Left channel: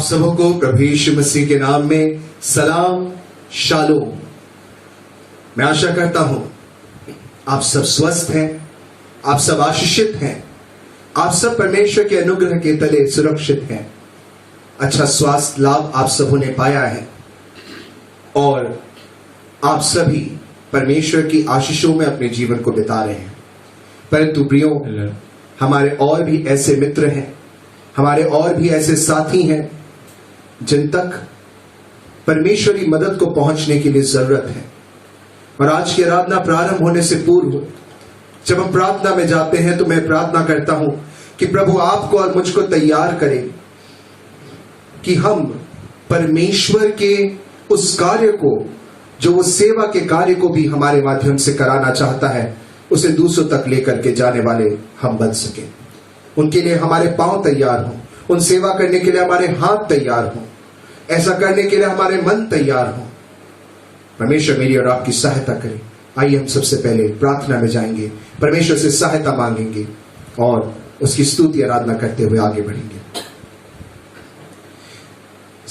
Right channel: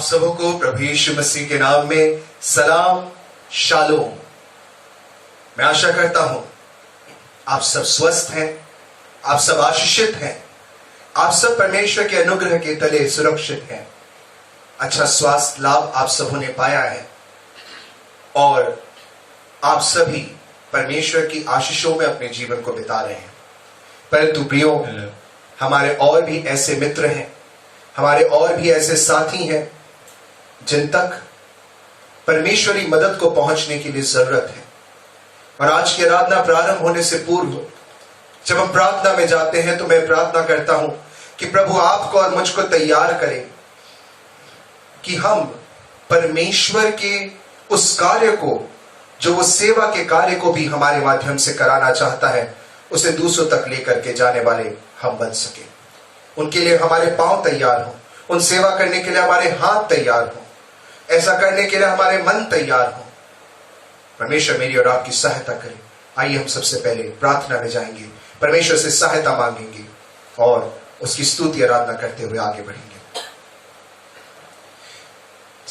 आप सबको प्रभु यीशु मसीह के नाम में सलाम शालोम। मैं आशा करता हूं आप सब स्वस्थ हैं, आप सब आशीषित हैं, आप सब परमेश्वर के अनुग्रह के तले सुरक्षित हैं। अच्छा स्वास्थ्य लाभ आप सबों ने पाया है और आप सभी परमेश्वर की आशीषों में अपने जीवन को बिता रहे हैं। परंतु प्रियो, हमारे और भी ऐसे मित्र हैं, हमारे और भी ऐसे साथी हैं जिन तक परमेश्वरी मदद को पहुंचने के लिए जरूरत है। और आज की आराधना प्रारंभ होने से पूर्व जब हम प्रार्थना में जाते हैं तो मैं प्रार्थना करता हूं कि प्रभु आपको और मुझको तैयार करें कि हम परमेश्वर के उस कार्य को, जो वो सेवा के कार्य को भी हमारे माध्यम से कराना चाहता है, उसे दूसरों तक लेकर के जाने वाले हम बन सके। उनके लिए हमारे पांव तैयार हों, उन सेवा करने के लिए हमारे हाथ तैयार हों, ऐसा करने के लिए हमारे मन तैयार हों। परमेश्वर मेरी और आपकी सहायता करे। आइए हम सबसे पहले प्रार्थना में जाएंगे, परमेश्वर से सहायता मांगेंगे और उसकी स्तुति आराधना करते हुए आगे बढ़ेंगे।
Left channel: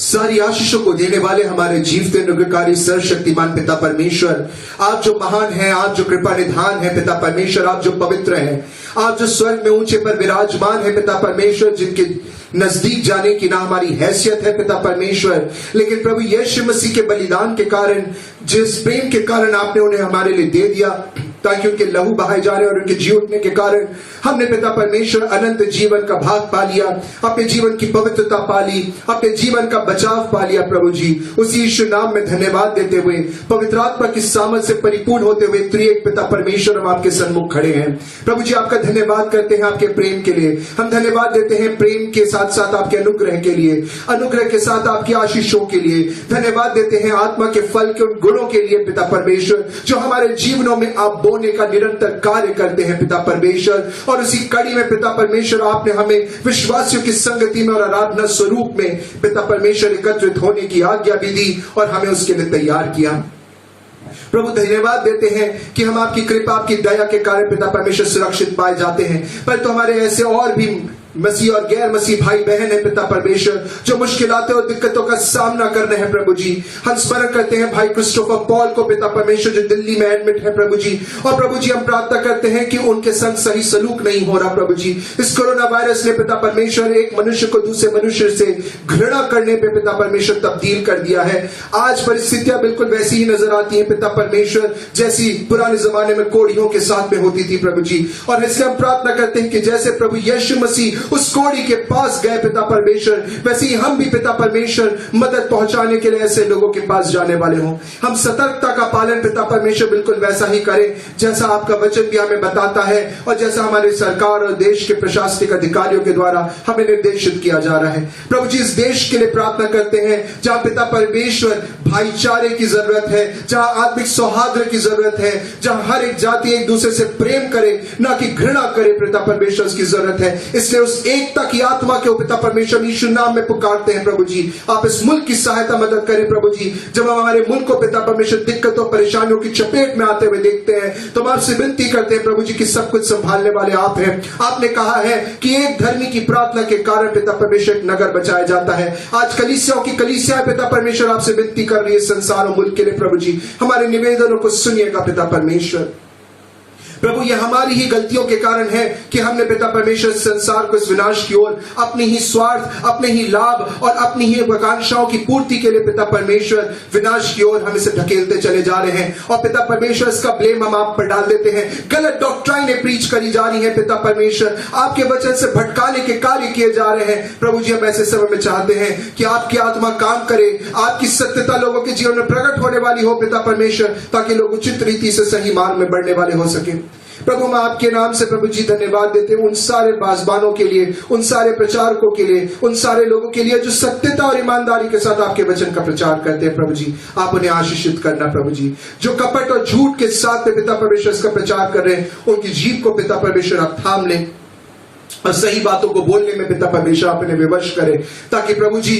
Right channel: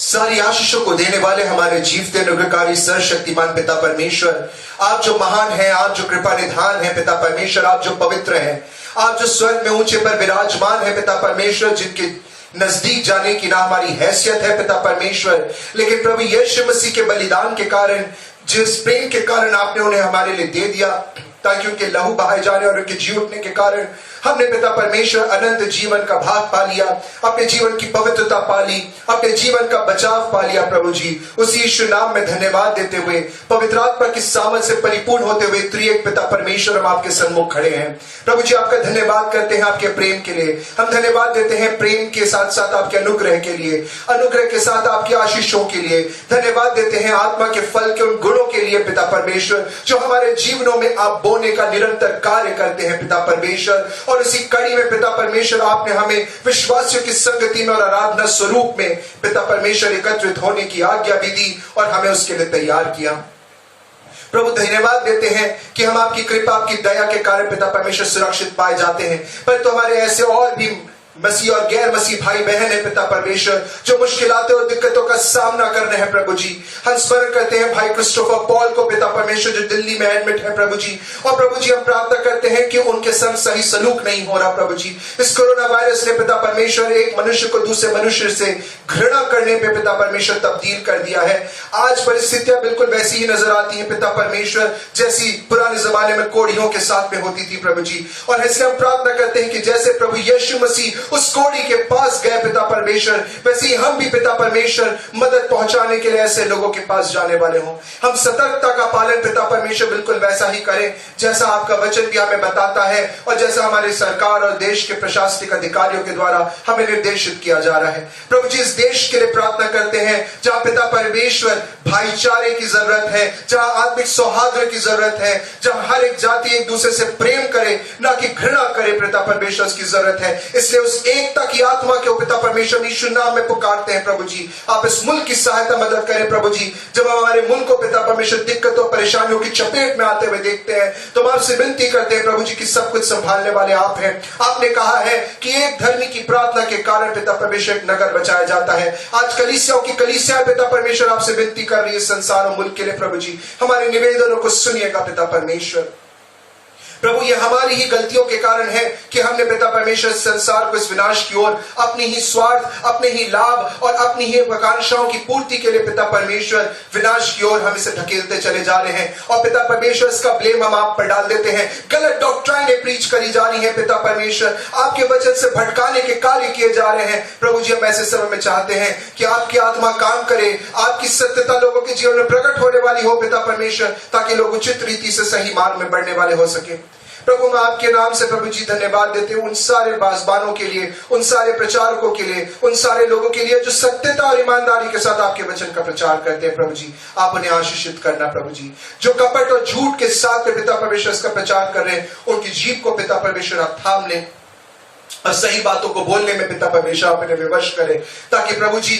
सारी आशीषों को देने वाले हमारे जीवते अनुग्रहकारी सर्वशक्तिमान पिता परमेश्वर, आप जो महान हैं, आप जो कृपा निधान हैं पिता परमेश्वर, आप जो पवित्र हैं, आप जो स्वर्ग में ऊंचे पर विराजमान है पिता परमेश्वर, जिनके नजदीक जाने की ना हमारी हैसियत है पिता परमेश्वर, लेकिन प्रभु यीशु मसीह के बलिदान के कारण, जिस प्रेम के कारण आपने उन्हें हमारे लिए दे दिया, ताकि उनके लहू बहाए जाने और उनके जी उठने के कारण हमने पिता परमेश्वर अनंत जीवन का भाग पा लिया, अपने जीवन की पवित्रता पा ली, अपने जीवन का बचाव पा लिया। प्रभु जी, उसी यीशु नाम में धन्यवाद देते हुए, पवित्र आत्मा की सामर्थ से परिपूर्ण होते हुए त्रिएक पिता परमेश्वर हम आपके सन्मुख खड़े हैं। प्रभु जी, आपका धन्यवाद करते हैं आपके प्रेम के लिए। हम धन्यवाद देते हैं प्रेम के साथ साथ आपके अनुग्रह के लिए, अनुग्रह के साथ आपकी आशीषों के लिए। धन्यवाद देते हैं आत्मा के फल के उन गुणों के लिए पिता परमेश्वर, जो हमारे जीवनों में आप बोने का निरंतर कार्य करते हैं पिता परमेश्वर। और इसी कड़ी में पिता परमेश्वर, आपने हमें विश्वासियों की संगति में और आराधना स्वरूप में पिता परमेश्वर एकत्रित होने की आज्ञा भी दी और हमें उसके लिए तैयार किया। प्रभु धन्यवाद देते हैं कि हम आपकी कृपा, आपकी दया के कारण पिता परमेश्वर सुरक्षित पाए जाते हैं। परंतु हमारे ऐसे और भी मसीह और गैर मसीह भाई बहन है पिता परमेश्वर, जो मुश्किलातों और दिक्कतों का सामना कर रहे हैं। प्रभु जी, हम स्मरण करते हैं भाई क्रिस्टोफर पॉल को पिता परमेश्वर, जो दिल्ली में एडमिट है प्रभु जी। और प्रभु जी, हम प्रार्थना करते हैं कि उनके संग सही सलूक नहीं हो रहा प्रभु जी। इस कोरोना वायरस ने पिता परमेश्वर एक मनुष्य को दूसरे मनुष्य से घृणा करने पे पिता परमेश्वर तब्दील कर दिया है। आज परिस्थितियां बिल्कुल वैसी ही नजर आती है पिता परमेश्वर, जैसी पुराने जमाने में कोड़ियों के साथ में होती थी प्रभु जी। और इसलिए हम प्रार्थना करते हैं कि जैसे प्रभु यीशु मसीह उस कोड़ी के पास गए पिता परमेश्वर, वैसे ही हम भी पिता परमेश्वर मदद पहुंचाने के लिए ऐसे लोगों के पास जाने वाले हों। हम सतर्कता का पालन पिता परमेश्वर बिल्कुल वैसा ही करें जैसा आपका वचन भी हमें बताता है और जैसा हमारी सरकार और देश के प्रशासनिक अधिकारियों के द्वारा हमें निर्देशित किया जा रहा है। प्रभु जी, इस देश के लिए प्रार्थना करते हैं जहां पिता परमेश्वर भाईचारे की जरूरत है, जहां आत्मिक सौहार्द की जरूरत है, जहां हर एक जाति एक दूसरे से प्रेम करे, ना कि घृणा करे पिता परमेश्वर, की जरूरत है। इसलिए उस एकता की आत्मा के पिता परमेश्वर यीशु नाम में पुकारते हैं प्रभु जी, आप इस मुल्क की सहायता मदद करें प्रभु जी। जब हम हमारे मुल्क को पिता परमेश्वर दिक्कतों परेशानियों की चपेट में आते हुए देखते हैं तो हम आपसे विनती करते हैं प्रभु जी कि सब कुछ संभालने वाले आप हैं। आपने कहा है कि एक धर्मी की प्रार्थना के कारण पिता परमेश्वर एक नगर बचाया जाता है। आज कलीसियाओं की कलीसिया पिता परमेश्वर आपसे विनती कर रही है संसार और मुल्क के लिए प्रभु जी। हमारे निवेदनों को सुनिएगा पिता परमेश्वर। प्रभु, ये हमारी ही गलतियों के कारण है कि हमने पिता परमेश्वर संसार को इस विनाश की ओर अपनी ही स्वार्थ, अपने ही लाभ और अपनी ही आकांक्षाओं की पूर्ति के लिए पिता परमेश्वर विनाश की ओर हम इसे ढकेलते चले जा रहे हैं। और पिता परमेश्वर, इसका ब्लेम हम आप पर डाल देते हैं। गलत डॉक्ट्राइनें प्रीच करी जा रही हैं पिता परमेश्वर, आपके वचन से भटकाने के कार्य किए जा रहे हैं। प्रभु जी, हम ऐसे समय में चाहते हैं कि आपकी आत्मा काम करे, आपकी सत्यता लोगों के जीवन में प्रकट होने वाली हो पिता परमेश्वर, ताकि लोग उचित रीति से सही मार्ग में बढ़ने वाले हो सके। प्रभु, मैं आपके नाम से प्रभु जी धन्यवाद देते हैं उन सारे बाज़बानों के लिए, उन सारे प्रचारकों के लिए, उन सारे लोगों के लिए जो सत्यता और ईमानदारी के साथ आपके वचन का प्रचार करते हैं। प्रभु जी, आप उन्हें आशीषित करना प्रभु जी। जो कपट और झूठ के साथ में पिता परमेश्वर इसका प्रचार कर रहे हैं, उनकी जीभ को पिता परमेश्वर आप थाम लें और सही बातों को बोलने में पिता परमेश्वर आप उन्हें विवश करें, ताकि प्रभु जी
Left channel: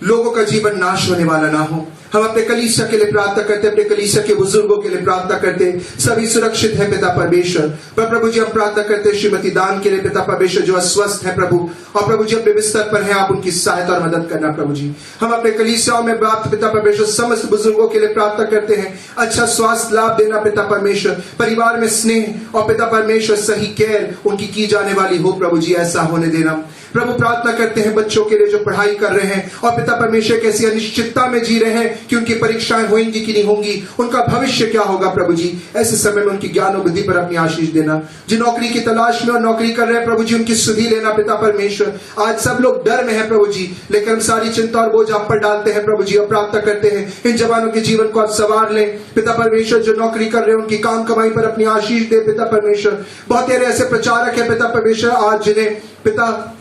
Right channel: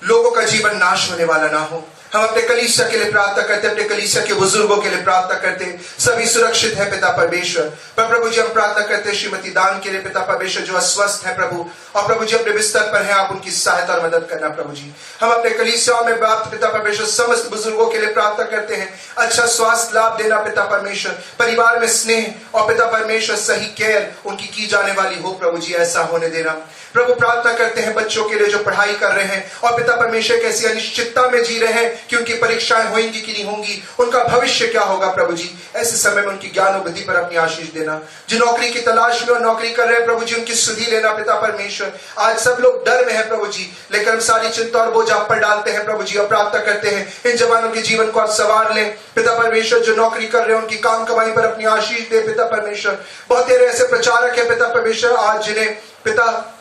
लोगों का जीवन नाश होने वाला ना हो, हम अपने कलीसिया के लिए प्रार्थना करते, अपने कलीसिया के बुजुर्गों के लिए प्रार्थना करते, सभी सुरक्षित है पिता परमेश्वर। पर प्रभु जी हम प्रार्थना करते हैं श्रीमती दान के लिए पिता परमेश्वर, जो अस्वस्थ है प्रभु, और प्रभु जी अपने बिस्तर पर हैं, आप उनकी सहायता और मदद करना प्रभु जी। हम अपने कलीसियाओं में बाप पिता परमेश्वर समस्त बुजुर्गों के लिए प्रार्थना करते हैं, अच्छा स्वास्थ्य लाभ देना पिता परमेश्वर, परिवार में स्नेह और पिता परमेश्वर सही केयर उनकी की जाने वाली हो प्रभु जी, ऐसा होने देना। प्रभु प्रार्थना करते हैं बच्चों के लिए जो पढ़ाई कर रहे हैं और पिता परमेश्वर कैसी अनिश्चितता में जी रहे हैं कि उनकी परीक्षाएं होंगी कि नहीं होंगी, उनका भविष्य क्या होगा प्रभु जी, ऐसे समय में उनकी ज्ञान और बुद्धि पर अपनी आशीष देना। जो नौकरी की तलाश में और नौकरी कर रहे हैं प्रभु जी, उनकी सुधि लेना पिता परमेश्वर। आज सब लोग डर में है प्रभु जी, लेकिन हम सारी चिंता और बोझ आप पर डालते हैं प्रभु जी, और प्रार्थना करते हैं इन जवानों के जीवन को आप सवार लें पिता परमेश्वर। जो नौकरी कर रहे हैं उनकी काम कमाई पर अपनी आशीष दे पिता परमेश्वर। बहुत सारे ऐसे प्रचारक है पिता परमेश्वर आज जिन्हें पिता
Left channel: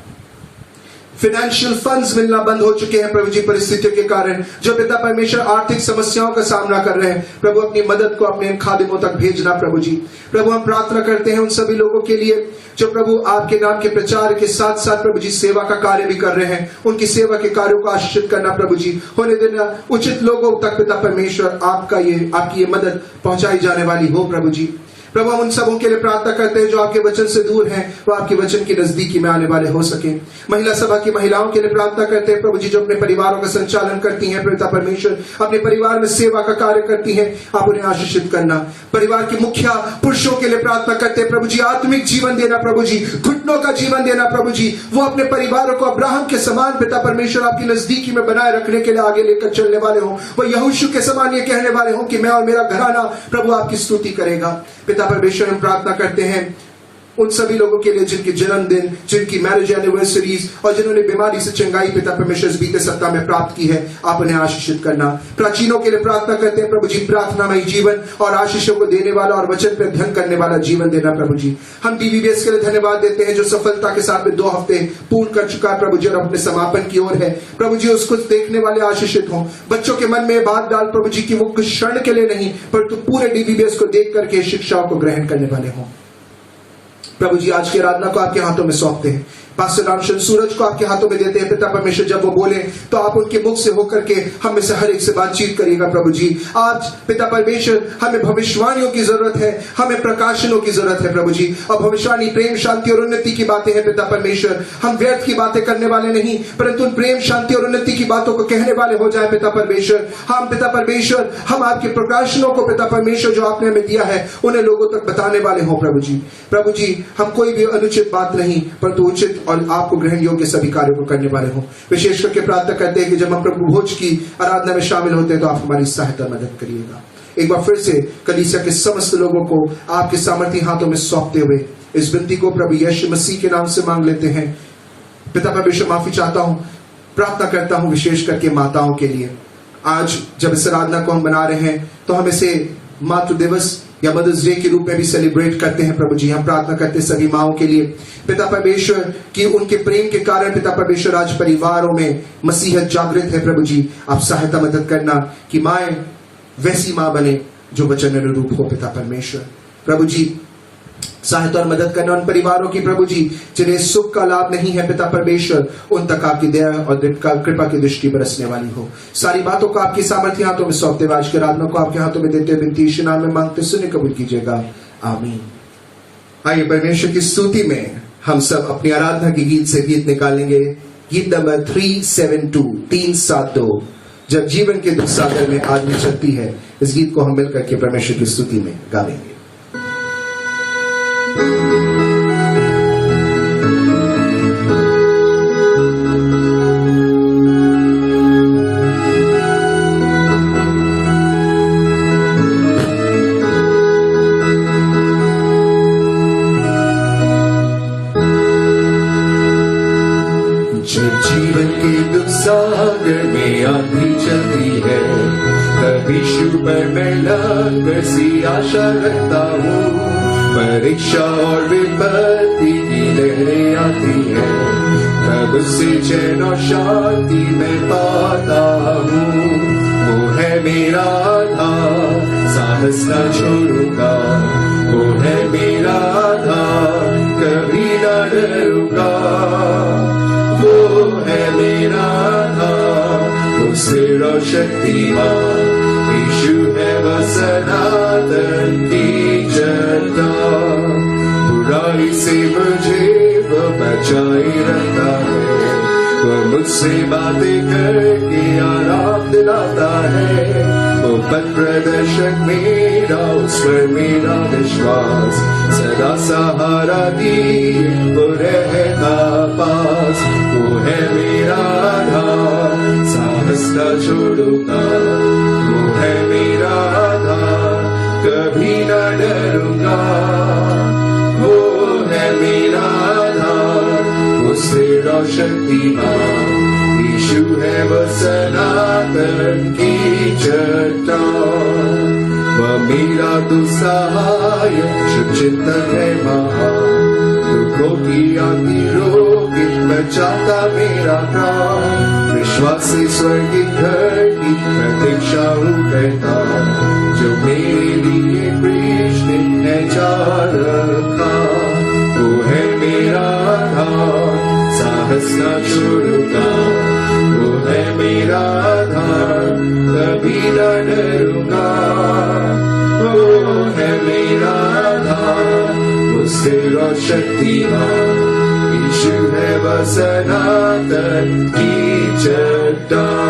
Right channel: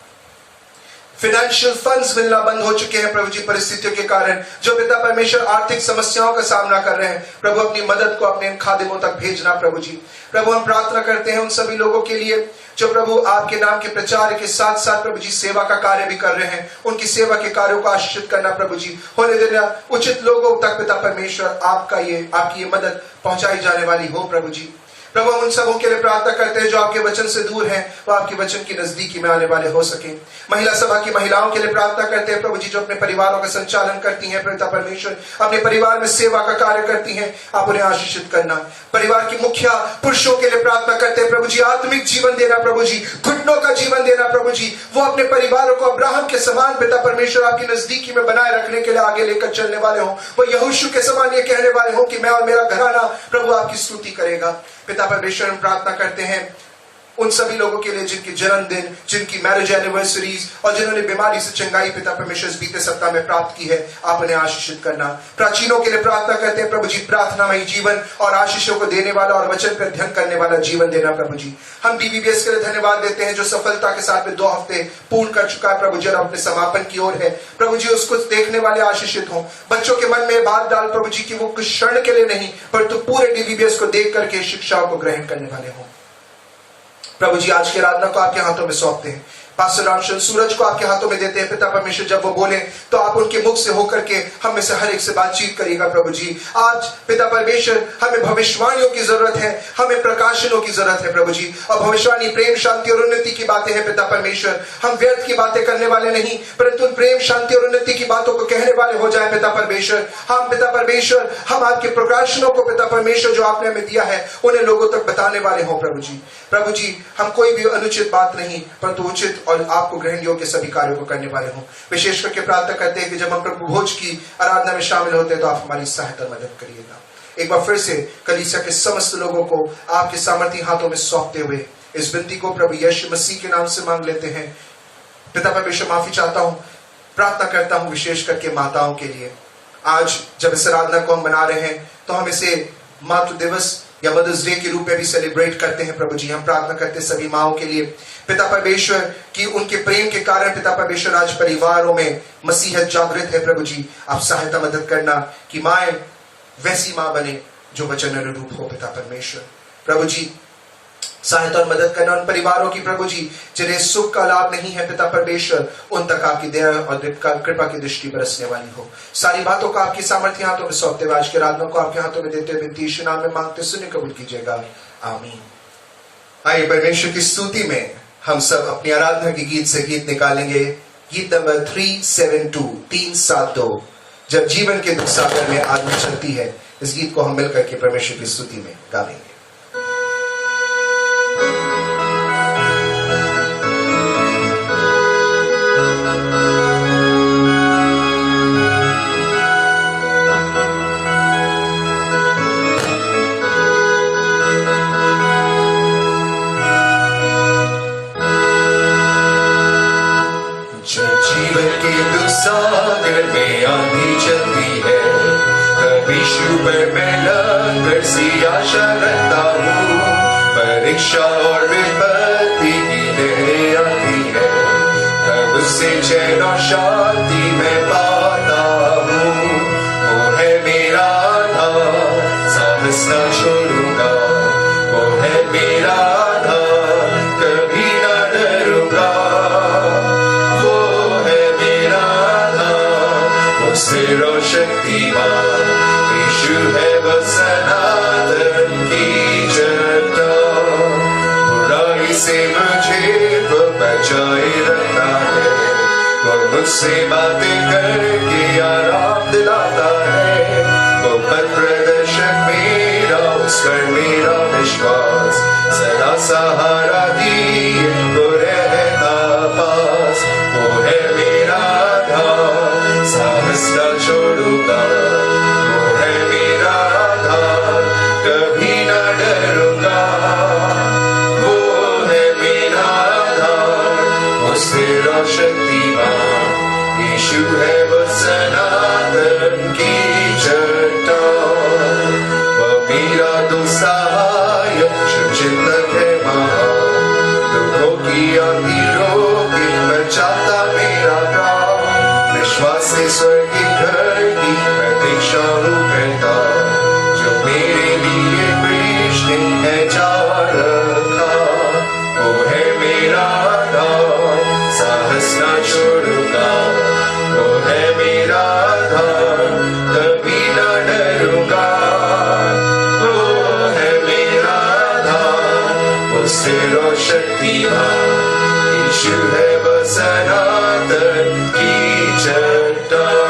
फाइनेंशियल फंड्स मिलना बंद हो चुके हैं प्रभु जी परिस्थितियों के कारण, जो पिता परमेश्वर आर्थिक समस्याओं का सामना कर रहे हैं प्रभु, अपनी मदद को अपने खादिमों तक भेजना प्रभु जी। प्रभु हम प्रार्थना करते हैं उन सभी लोगों के लिए जो प्रभु आपके नाम के प्रचार के साथ साथ प्रभु जी सेवा का कार्य भी कर रहे हैं, उनकी सेवा के कार्यों को आशीषित करना प्रभु जी, होने देना उचित लोगों तक पिता परमेश्वर आपकी ये मदद पहुंचाई जाने वाली हो प्रभु जी। प्रभु हम उन सबों के लिए प्रार्थना करते हैं जो आपके वचन से दूर हैं, वो आपके वचन की नजदीकी में आने वाले हो सके। महिला सभा की महिलाओं के लिए प्रार्थना करते हैं प्रभु जी, जो अपने परिवारों का संचालन करती हैं पिता परमेश्वर, अपने परिवार में सेवा का कार्य करती हैं, आप उन्हें आशीषित करना। परिवार की मुखिया पुरुषों के लिए प्रार्थना करते हैं प्रभु जी, आत्मिक जीवन देना प्रभु जी, घुटनों का जीवन देना प्रभु जी, वो अपने परिवारों को अब्राहम के समान पिता परमेश्वर आपकी नजदीकी में बनाए रखने के लिए आगे लेकर चलने वाले हों। वो यहोशू के समान ये कहने वाले हों कि मैं और मेरा घराना प्रभु आपकी स्तुति करेगा। पिता परमेश्वर हम प्रार्थना करते हैं उन सभी लोगों के लिए जिनके जन्मदिन, जिनकी मैरिज एनिवर्सरीज और जिन्होंने बीमारी से चंगाई पिता परमेश्वर इस बीते सप्ताह में प्राप्त की है, आप उन्हें आशीषित करना। प्राचीनों के लिए प्रार्थना करते हैं प्रभु जी, प्रार्थनामय जीवन और आशीषों को देने वाला और वचन पर ध्यान करने वाला जीवन देना प्रभु जी। हम DVBS के लिए धन्यवाद देते हैं जो सफलता के साथ में 2 हफ्ते पूर्ण कर चुका है प्रभु जी, और अपने समापन की ओर है प्रभु जी। उसको देखने वाले आशीषित हों। बच्चों के मन में बात डाल प्रभु जी की वो कुछ क्षण के लिए नहीं परंतु पूरे DVBS को देख करके शिक्षाओं को ग्रहण करने वाले हों प्रभु जी। आज की आराधना को आपके हाथों में सौंपते हैं, पास्टर रामचंद्र सूरज को आपके हाथों में देते हैं पिता परमेश्वर। जब वो बोले तो आप उनके मुख से होकर के हम में से हर एक से बातचीत करिएगा प्रभु जी। आज पिता परमेश्वर हमें भविष्यवाणियों की जरूरत है, हमें प्रकाशनों की जरूरत है प्रभु जी, और भविष्यवाणी प्रेम शांति और उन्नति की बातें हैं पिता परमेश्वर। हम व्यर्थ की बातें करने वाले नहीं परंतु प्रेम शांति और उन्नति की बातों को कहने वाले हो जाए पिता परमेश्वर। हम पिता परमेश्वर हम आपके प्रकाशनों को पिता परमेश्वर जो आपने हमें दिया है उन्हें लोगों तक बताने वाले हो प्रभु जी। प्रभु जी हम कोई भी अनुचित बात नहीं परंतु उचित और आपको ग्रहण योग्य सभी कार्यों को करने वाले हो। विशेष करके प्रार्थना करते हैं कि जब हम प्रभु भोज की आराधना में शामिल होते हैं तो आप हमारी सहायता मदद करिएगा। एक बार फिर से कलीसिया के समस्त लोगों को आपके सामर्थी हाथों में सौंपते हुए इस विनती को प्रभु यीशु मसीह के नाम से मांग लेते हैं। पिता परमेश्वर माफी चाहता हूं, प्रार्थना करता हूं विशेष करके माताओं के लिए। आज जब इस आराधना को हम बना रहे हैं तो हम इसे मातृ दिवस या मदर्स डे के रूप में भी सेलिब्रेट करते हैं प्रभु जी। हम प्रार्थना करते हैं सभी माओं के लिए पिता परमेश्वर कि उनके प्रेम के कारण पिता परमेश्वर आज परिवारों में मसीहत जागृत है प्रभु जी। आप सहायता मदद करना कि माए वैसी मां बने जो वचन अनुरूप हो पिता परमेश्वर। प्रभु जी सहायता और मदद करना उन परिवारों की प्रभु जी जिन्हें सुख का लाभ नहीं है पिता परमेश्वर, उन तक आपकी दया और कृपा की दृष्टि बरसने वाली हो। सारी बातों को आपकी सामर्थ्य हाथों में सौंपते हुए आज के आराधना को आपके हाथों में देते हुए विनती यीशु नाम में मांगते सुने कबूल कीजिएगा, आमीन। आइए परमेश्वर की स्तुति में हम सब अपनी आराधना के गीत से गीत निकालेंगे। गीत नंबर 372 जब जीवन के दुख सागर में आदमी चलती है। इस गीत को हम मिलकर के परमेश्वर की स्तुति में गाएंगे। जीवन के दुख सागर में आंधी चलती है, कभी शुभ में लहर सी आशा रखता हूँ। परीक्षा और विपत्ति की लहरें आती है, तब उससे चैन और शांति मैं पाता हूँ। वो है मेरा आधार, साहस न छोड़ूंगा। वो है मेरा आधार, कभी न डरूंगा। वो है मेरा आधार, वो स्थिर और शक्तिमान, यीशु है वो सनातन की चट्टान। बुराई से मुझे वो बचाए रखता है, वो मुझसे बातें करके आराम दिलाता है। वो पथ प्रदर्शक मेरा, उस पर मेरा विश्वास, सदा सहारा दिए वो रहता पास। वो है मेरा आधार, साहस न छोड़ूंगा। वो है मेरा आधार, कभी न डरूंगा। वो है मेरा आधार, वो स्थिर और शक्तिमान, यीशु है वो सनातन की चट्टान। वह मेरा तो सहायक, शुभचिंतक है महान, दुखों की आंधी रोके बचाता मेरा प्राण। विश्वास से स्वर्ग के घर की प्रतीक्षा करता, जो मेरे लिए कृष्ण है जा रखा। वो है मेरा आधार, साहस न छोड़ूंगा। वो है मेरा आधार, कभी न डरूंगा। वो है मेरा आधार, वो स्थिर और शक्तिमान, यीशु है वो सनातन की चट्टान।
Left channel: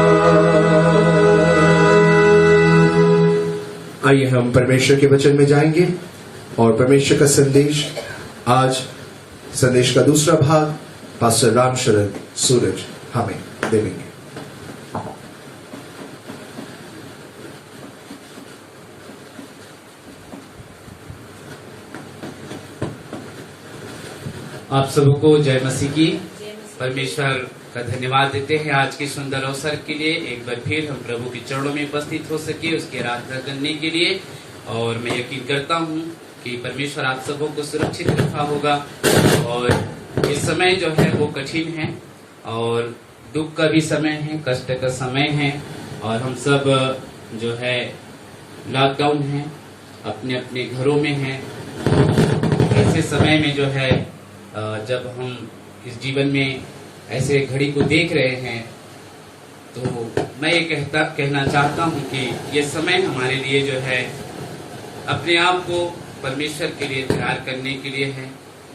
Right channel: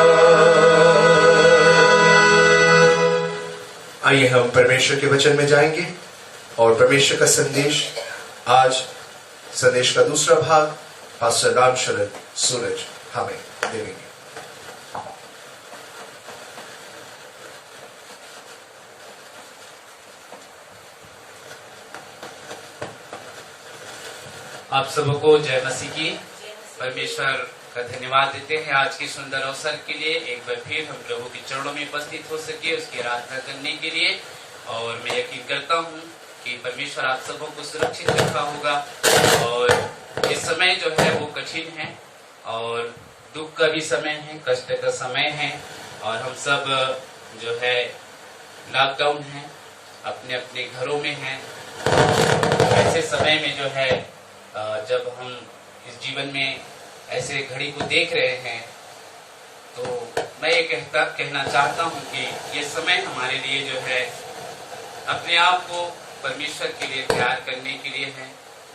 आइए हम परमेश्वर के वचन में जाएंगे और परमेश्वर का संदेश, आज संदेश का दूसरा भाग पास्टर राम शरण सूरज हमें देंगे। आप सबको जय मसीह की। परमेश्वर का धन्यवाद देते हैं आज की सुंदर अवसर के लिए। एक बार फिर हम प्रभु के चरणों में उपस्थित हो सके उसकी आराधना करने के लिए। और मैं यकीन करता हूँ कि परमेश्वर आप सबों को सुरक्षित रखा होगा। और इस समय जो है वो कठिन है और दुख का भी समय है, कष्ट का समय है। और हम सब जो है लॉकडाउन है, अपने अपने घरों में हैं। ऐसे समय में जो है जब हम इस जीवन में ऐसे घड़ी को देख रहे हैं, तो मैं ये कहना चाहता हूँ कि ये समय हमारे लिए जो है अपने आप को परमेश्वर के लिए तैयार करने के लिए है,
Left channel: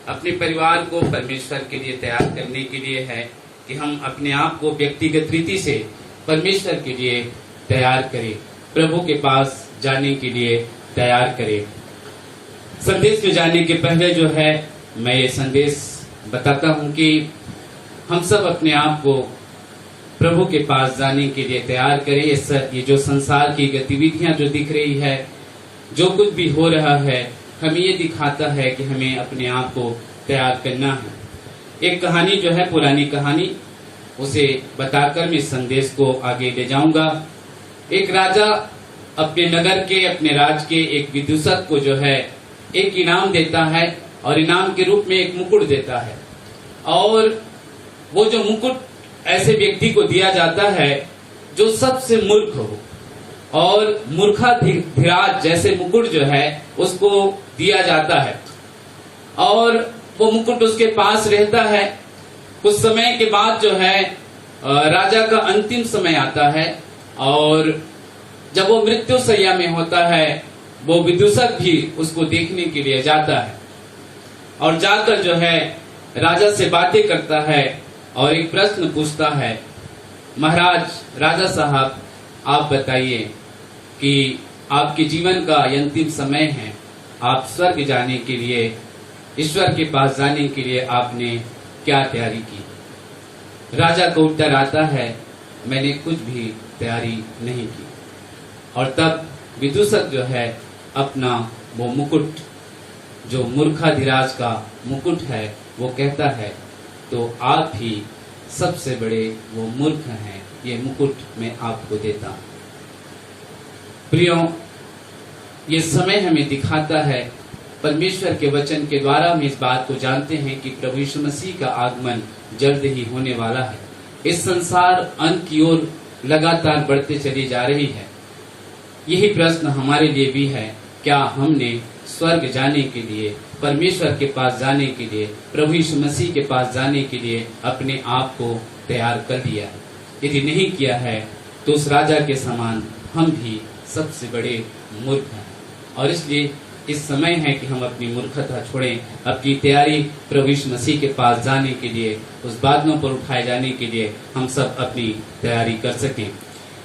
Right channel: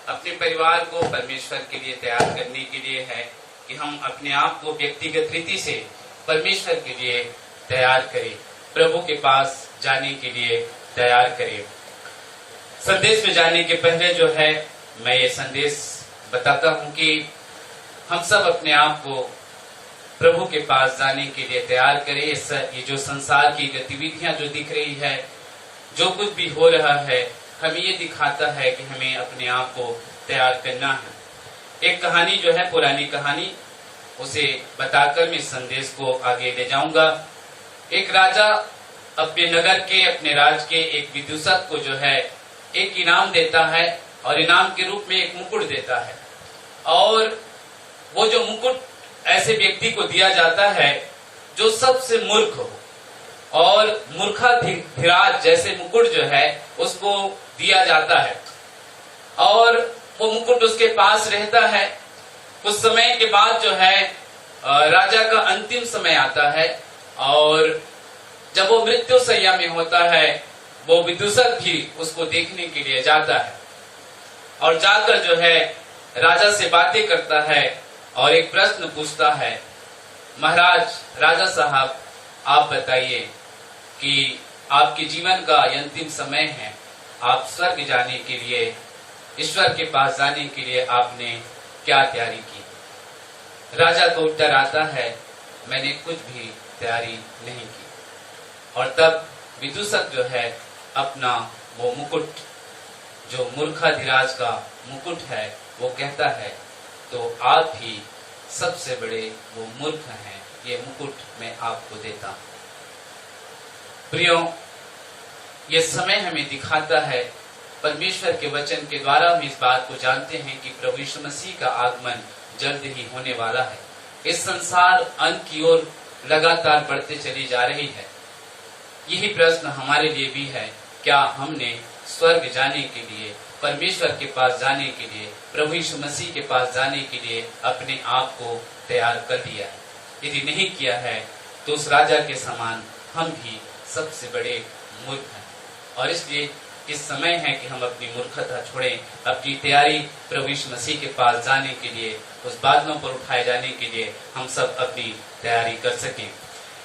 अपने परिवार को परमेश्वर के लिए तैयार करने के लिए है कि हम अपने आप को व्यक्तिगत रीति से परमेश्वर के लिए तैयार करें, प्रभु के पास जाने के लिए तैयार करें। संदेश में जाने के पहले जो है मैं ये संदेश बताता हूँ कि हम सब अपने आप को प्रभु के पास जाने के लिए तैयार करें। ये जो संसार की गतिविधियां जो दिख रही है, जो कुछ भी हो रहा है, हमें ये दिखाता है कि हमें अपने आप को तैयार करना है। एक कहानी जो है, पुरानी कहानी, उसे बताकर मैं इस संदेश को आगे ले जाऊंगा। एक राजा अपने नगर के, अपने राज्य के एक विदूषक को जो है एक इनाम देता है और इनाम के रूप में एक मुकुट देता है। और वो जो मुकुट ऐसे व्यक्ति को दिया जाता है जो सबसे मूर्ख हो, और मूर्खाधिराज जैसे मुकुट जो है उसको दिया जाता है। और वो मुकुट उसके पास रहता है। कुछ समय के बाद जो है राजा का अंतिम समय आता है और जब वो मृत्यु शैया में होता है, वो विदूषक भी उसको देखने के लिए जाता है और जाकर जो है राजा से बातें करता है और एक प्रश्न पूछता है, महाराज, राजा साहब, आप बताइए कि आपके जीवन का अंतिम समय है, आप स्वर्ग जाने के लिए, ईश्वर के पास जाने के लिए आपने क्या तैयारी की? राजा को उत्तर आता है, मैंने कुछ भी तैयारी नहीं की। और तब विदूषक जो है अपना वो मुकुट, जो मूर्खाधिराज का मुकुट है, वो कहता है, तो आप ही सबसे बड़े वो मूर्ख हैं, ये मुकुट मैं आपको देता हूं। प्रियो, ये समय हमें दिखाता है, परमेश्वर के वचन के द्वारा हम इस बात को जानते हैं कि प्रभु यीशु मसीह का आगमन जल्द ही होने वाला है। इस संसार अंत की ओर लगातार बढ़ते चली जा रही है। यही प्रश्न हमारे लिए भी है, क्या हमने स्वर्ग जाने के लिए, परमेश्वर के पास जाने के लिए, प्रभु यीशु मसीह के पास जाने के लिए अपने आप को तैयार कर लिया है? यदि नहीं किया है तो उस राजा के समान हम भी सबसे बड़े मूर्ख हैं। और इसलिए इस समय है कि हम अपनी मूर्खता छोड़ें, अपनी तैयारी प्रभु यीशु मसीह के पास जाने के लिए, उस बादलों पर उठाए जाने के लिए हम सब अपनी तैयारी कर सकें।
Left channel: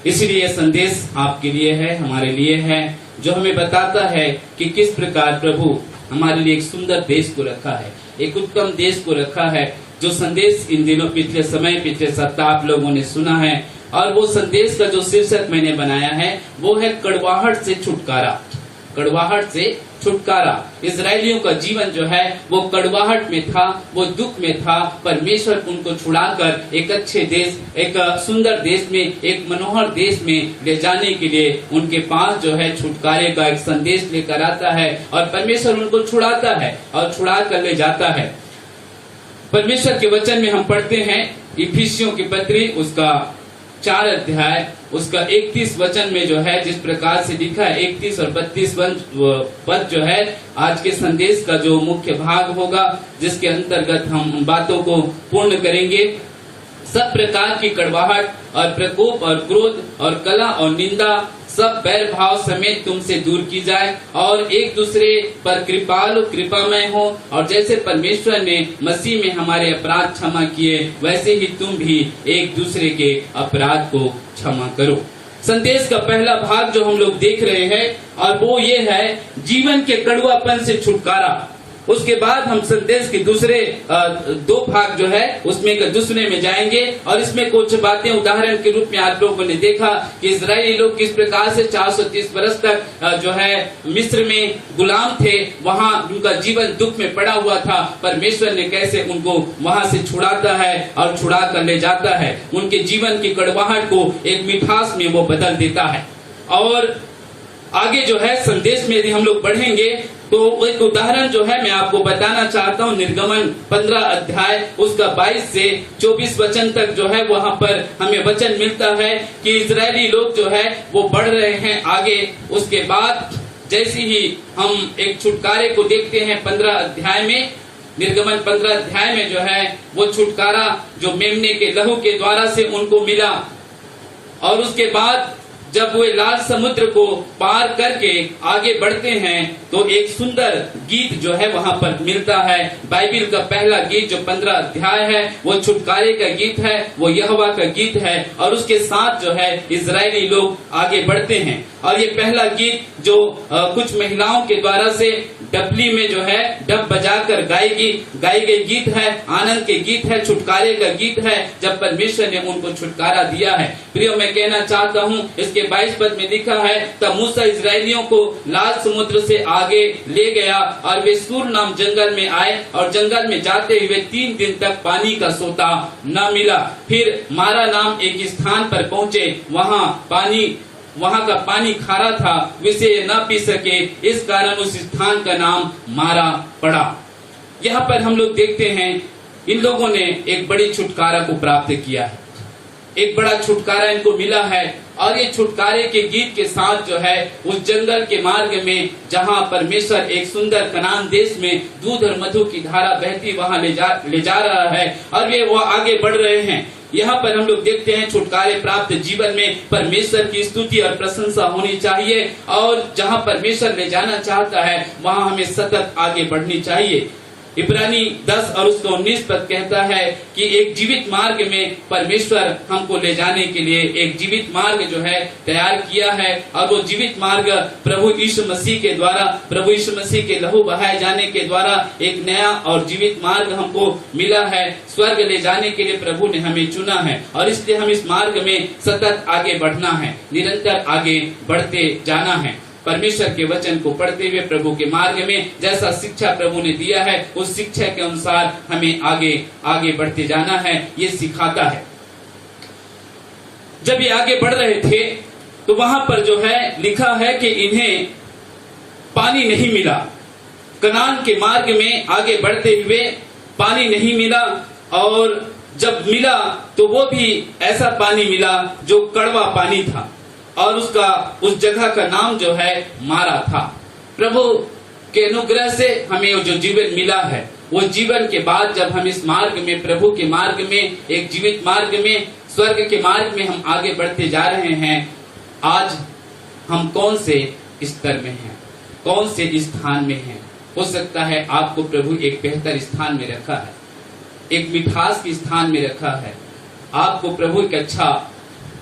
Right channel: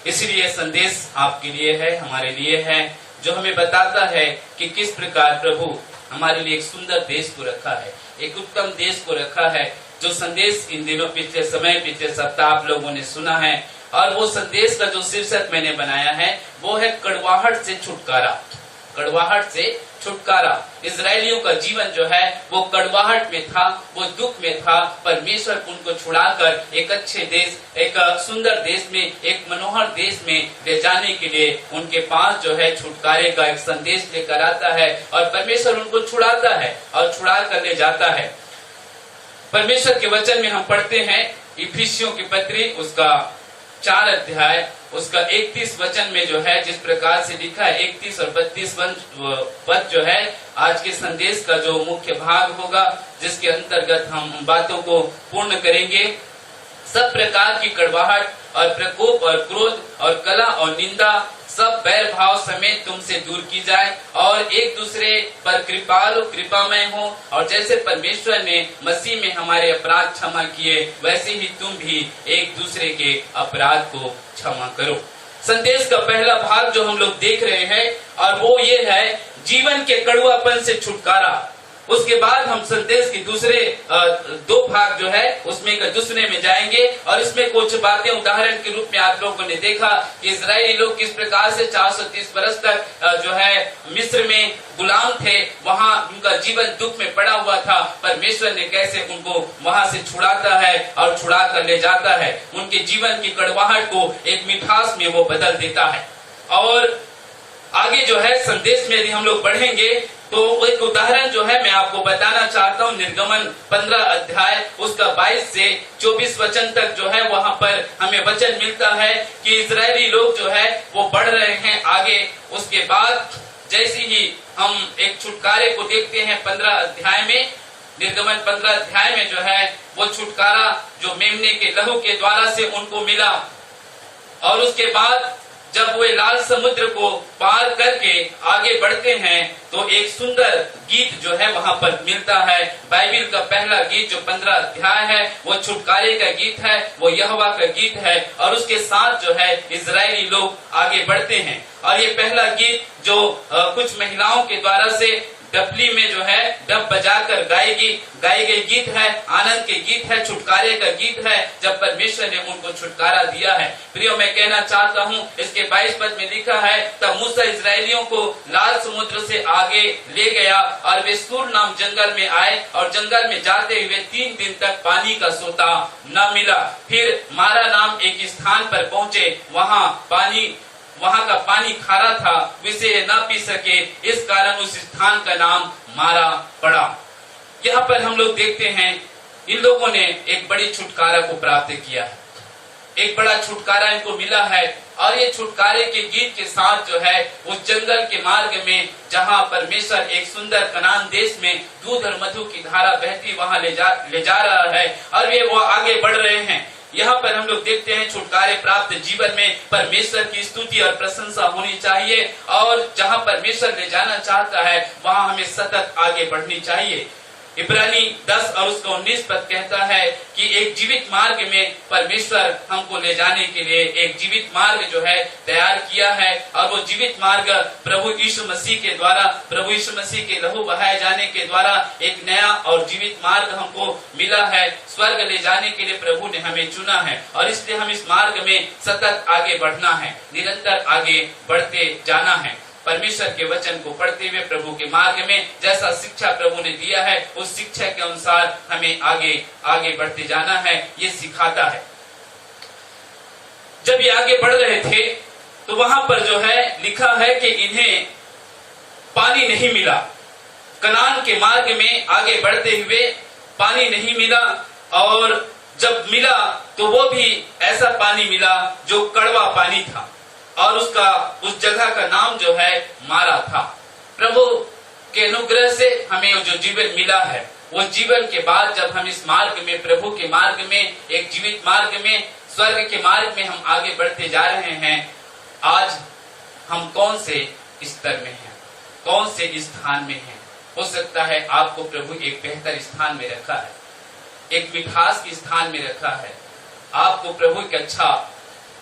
इसलिए संदेश आपके लिए है, हमारे लिए है, जो हमें बताता है कि किस प्रकार प्रभु हमारे लिए एक सुंदर देश को रखा है, एक उत्तम देश को रखा है। जो संदेश इन दिनों पिछले सप्ताह आप लोगों ने सुना है, और वो संदेश का जो शीर्षक मैंने बनाया है वो है कड़वाहट से छुटकारा। कड़वाहट से छुटकारा। इजरायलियों का जीवन जो है वो कड़वाहट में था, वो दुख में था। परमेश्वर उनको छुड़ाकर एक अच्छे देश, एक सुंदर देश में, एक मनोहर देश में ले जाने के लिए उनके पास जो है छुटकारे का एक संदेश लेकर आता है, और परमेश्वर उनको छुड़ाता है और छुड़ा कर ले जाता है। परमेश्वर के वचन में हम पढ़ते हैं इफिसियों की पत्री उसका 4 अध्याय उसका 31 वचन में जो है जिस प्रकार से लिखा है, 31 और 32 पद जो है आज के संदेश का जो मुख्य भाग होगा, जिसके अंतर्गत हम उन बातों को पूर्ण करेंगे। सब प्रकार की कड़वाहट और प्रकोप और क्रोध और कलह और निंदा सब बैर भाव समेत तुमसे दूर की जाए, और एक दूसरे पर कृपालु कृपामय हो, और जैसे परमेश्वर ने मसीह में हमारे अपराध क्षमा किए, वैसे ही तुम भी एक दूसरे के अपराध को क्षमा करो। संदेश का पहला भाग जो हम लोग देख रहे हैं, और वो ये है जीवन के कड़वापन से छुटकारा। उसके बाद हम संदेश के दूसरे 2 भाग जो है उसमें का दूसरे में जाएंगे, और इसमें कुछ बातें उदाहरण के रूप में आप लोगों ने देखा कि इजरायली लोग किस प्रकार से 430 वर्ष तक जो है मिस्र में गुलाम थे, वहां उनका जीवन दुख में पड़ा हुआ था। परमेश्वर ने कैसे उनको वहां से छुड़ाता है और छुड़ा कर ले जाता है, उनके जीवन की कड़वाहट को एक मिठास में वो बदल देता है। और आगे जो है संदेश में यदि हम लोग बढ़ेंगे तो एक उदाहरण जो है मैं आपको बताना चाहता हूँ। निर्गमन 15 अध्याय उसका 22 से 24 वचन तक जो है वहाँ पर हमें वचन मिलता है कि इजरायली लोग जो है वो बढ़ रहे हैं आगे। उसके बाद जैसे ही हम एक छुटकारे को देखते हैं 15 अध्याय में, निर्गमन 15 अध्याय में जो है वो छुटकारा जो मेमने के लहू के द्वारा से उनको मिला, और उसके बाद जब वे लाल समुद्र को पार करके आगे बढ़ते हैं तो एक सुंदर गीत जो है वहाँ पर मिलता है। बाइबिल का पहला गीत जो 15 अध्याय है वो छुटकारे का गीत है, वो यहोवा का गीत है, और उसके साथ जो है इजरायली लोग आगे बढ़ते हैं। और ये पहला गीत जो कुछ महिलाओं के द्वारा से डपली में जो है डब बजाकर गाई गई गीत है, आनंद के गीत है, छुटकारे का गीत है, जब परमेश्वर ने उनको छुटकारा दिया है। प्रियो, मैं कहना चाहता हूँ इसके 22 पद में लिखा है, तब मूसा इजरायलियों को लाल समुद्र से आगे ले गया और वे सूर नाम जंगल में आए, और जंगल में जाते हुए 3 दिन तक पानी का सोता न मिला। फिर मारा नाम एक स्थान पर पहुँचे, वहाँ का पानी खारा था, विसे न पी सके, इस कारण उस स्थान का नाम मारा पड़ा। यहाँ पर हम लोग देखते हैं इन लोगों ने एक बड़ी छुटकारा को प्राप्त किया है, एक बड़ा छुटकारा इनको मिला है। और ये छुटकारे के गीत के साथ जो है उस जंगल के मार्ग में जहाँ परमेश्वर एक सुंदर कनान देश में दूध और मधु की धारा बहती वहाँ ले जा रहा है, और वे वो आगे बढ़ रहे हैं। यहाँ पर हम लोग देखते हैं छुटकारे प्राप्त जीवन में परमेश्वर की स्तुति और प्रशंसा होनी चाहिए, और जहाँ परमेश्वर ले जाना चाहता है वहाँ हमें सतत आगे बढ़नी चाहिए। इब्रानी 10 और उसका 19 पद कहता है कि एक जीवित मार्ग में परमेश्वर हमको ले जाने के लिए एक जीवित मार्ग जो है तैयार किया है, और वो जीवित मार्ग प्रभु यीशु मसीह के द्वारा, प्रभु यीशु मसीह के लहू बहाए जाने के द्वारा एक नया और जीवित मार्ग हमको मिला है। स्वर्ग ले जाने के लिए प्रभु ने हमें चुना है, और इसलिए हम इस मार्ग में सतत आगे बढ़ना है, निरंतर आगे बढ़ते जाना है। परमेश्वर के वचन को पढ़ते हुए प्रभु के मार्ग में जैसा शिक्षा प्रभु ने दिया है उस शिक्षा के अनुसार हमें आगे बढ़ते जाना है, ये सिखाता है। जब ये आगे बढ़ रहे थे तो वहां पर जो है लिखा है कि इन्हें पानी नहीं मिला। कनान के मार्ग में आगे बढ़ते हुए पानी नहीं मिला, और जब मिला तो वो भी ऐसा पानी मिला जो कड़वा पानी था, और उस जगह का नाम जो है मारा था। प्रभु के अनुग्रह से हमें जो जीवन मिला है, वो जीवन के बाद जब हम इस मार्ग में, प्रभु के मार्ग में, एक जीवित मार्ग में स्वर्ग के मार्ग में हम आगे बढ़ते जा रहे हैं। आज हम कौन से स्तर में हैं, कौन से स्थान में हैं? हो सकता है आपको प्रभु एक बेहतर स्थान में रखा है, एक मिठास के स्थान में रखा है। आपको प्रभु एक अच्छा,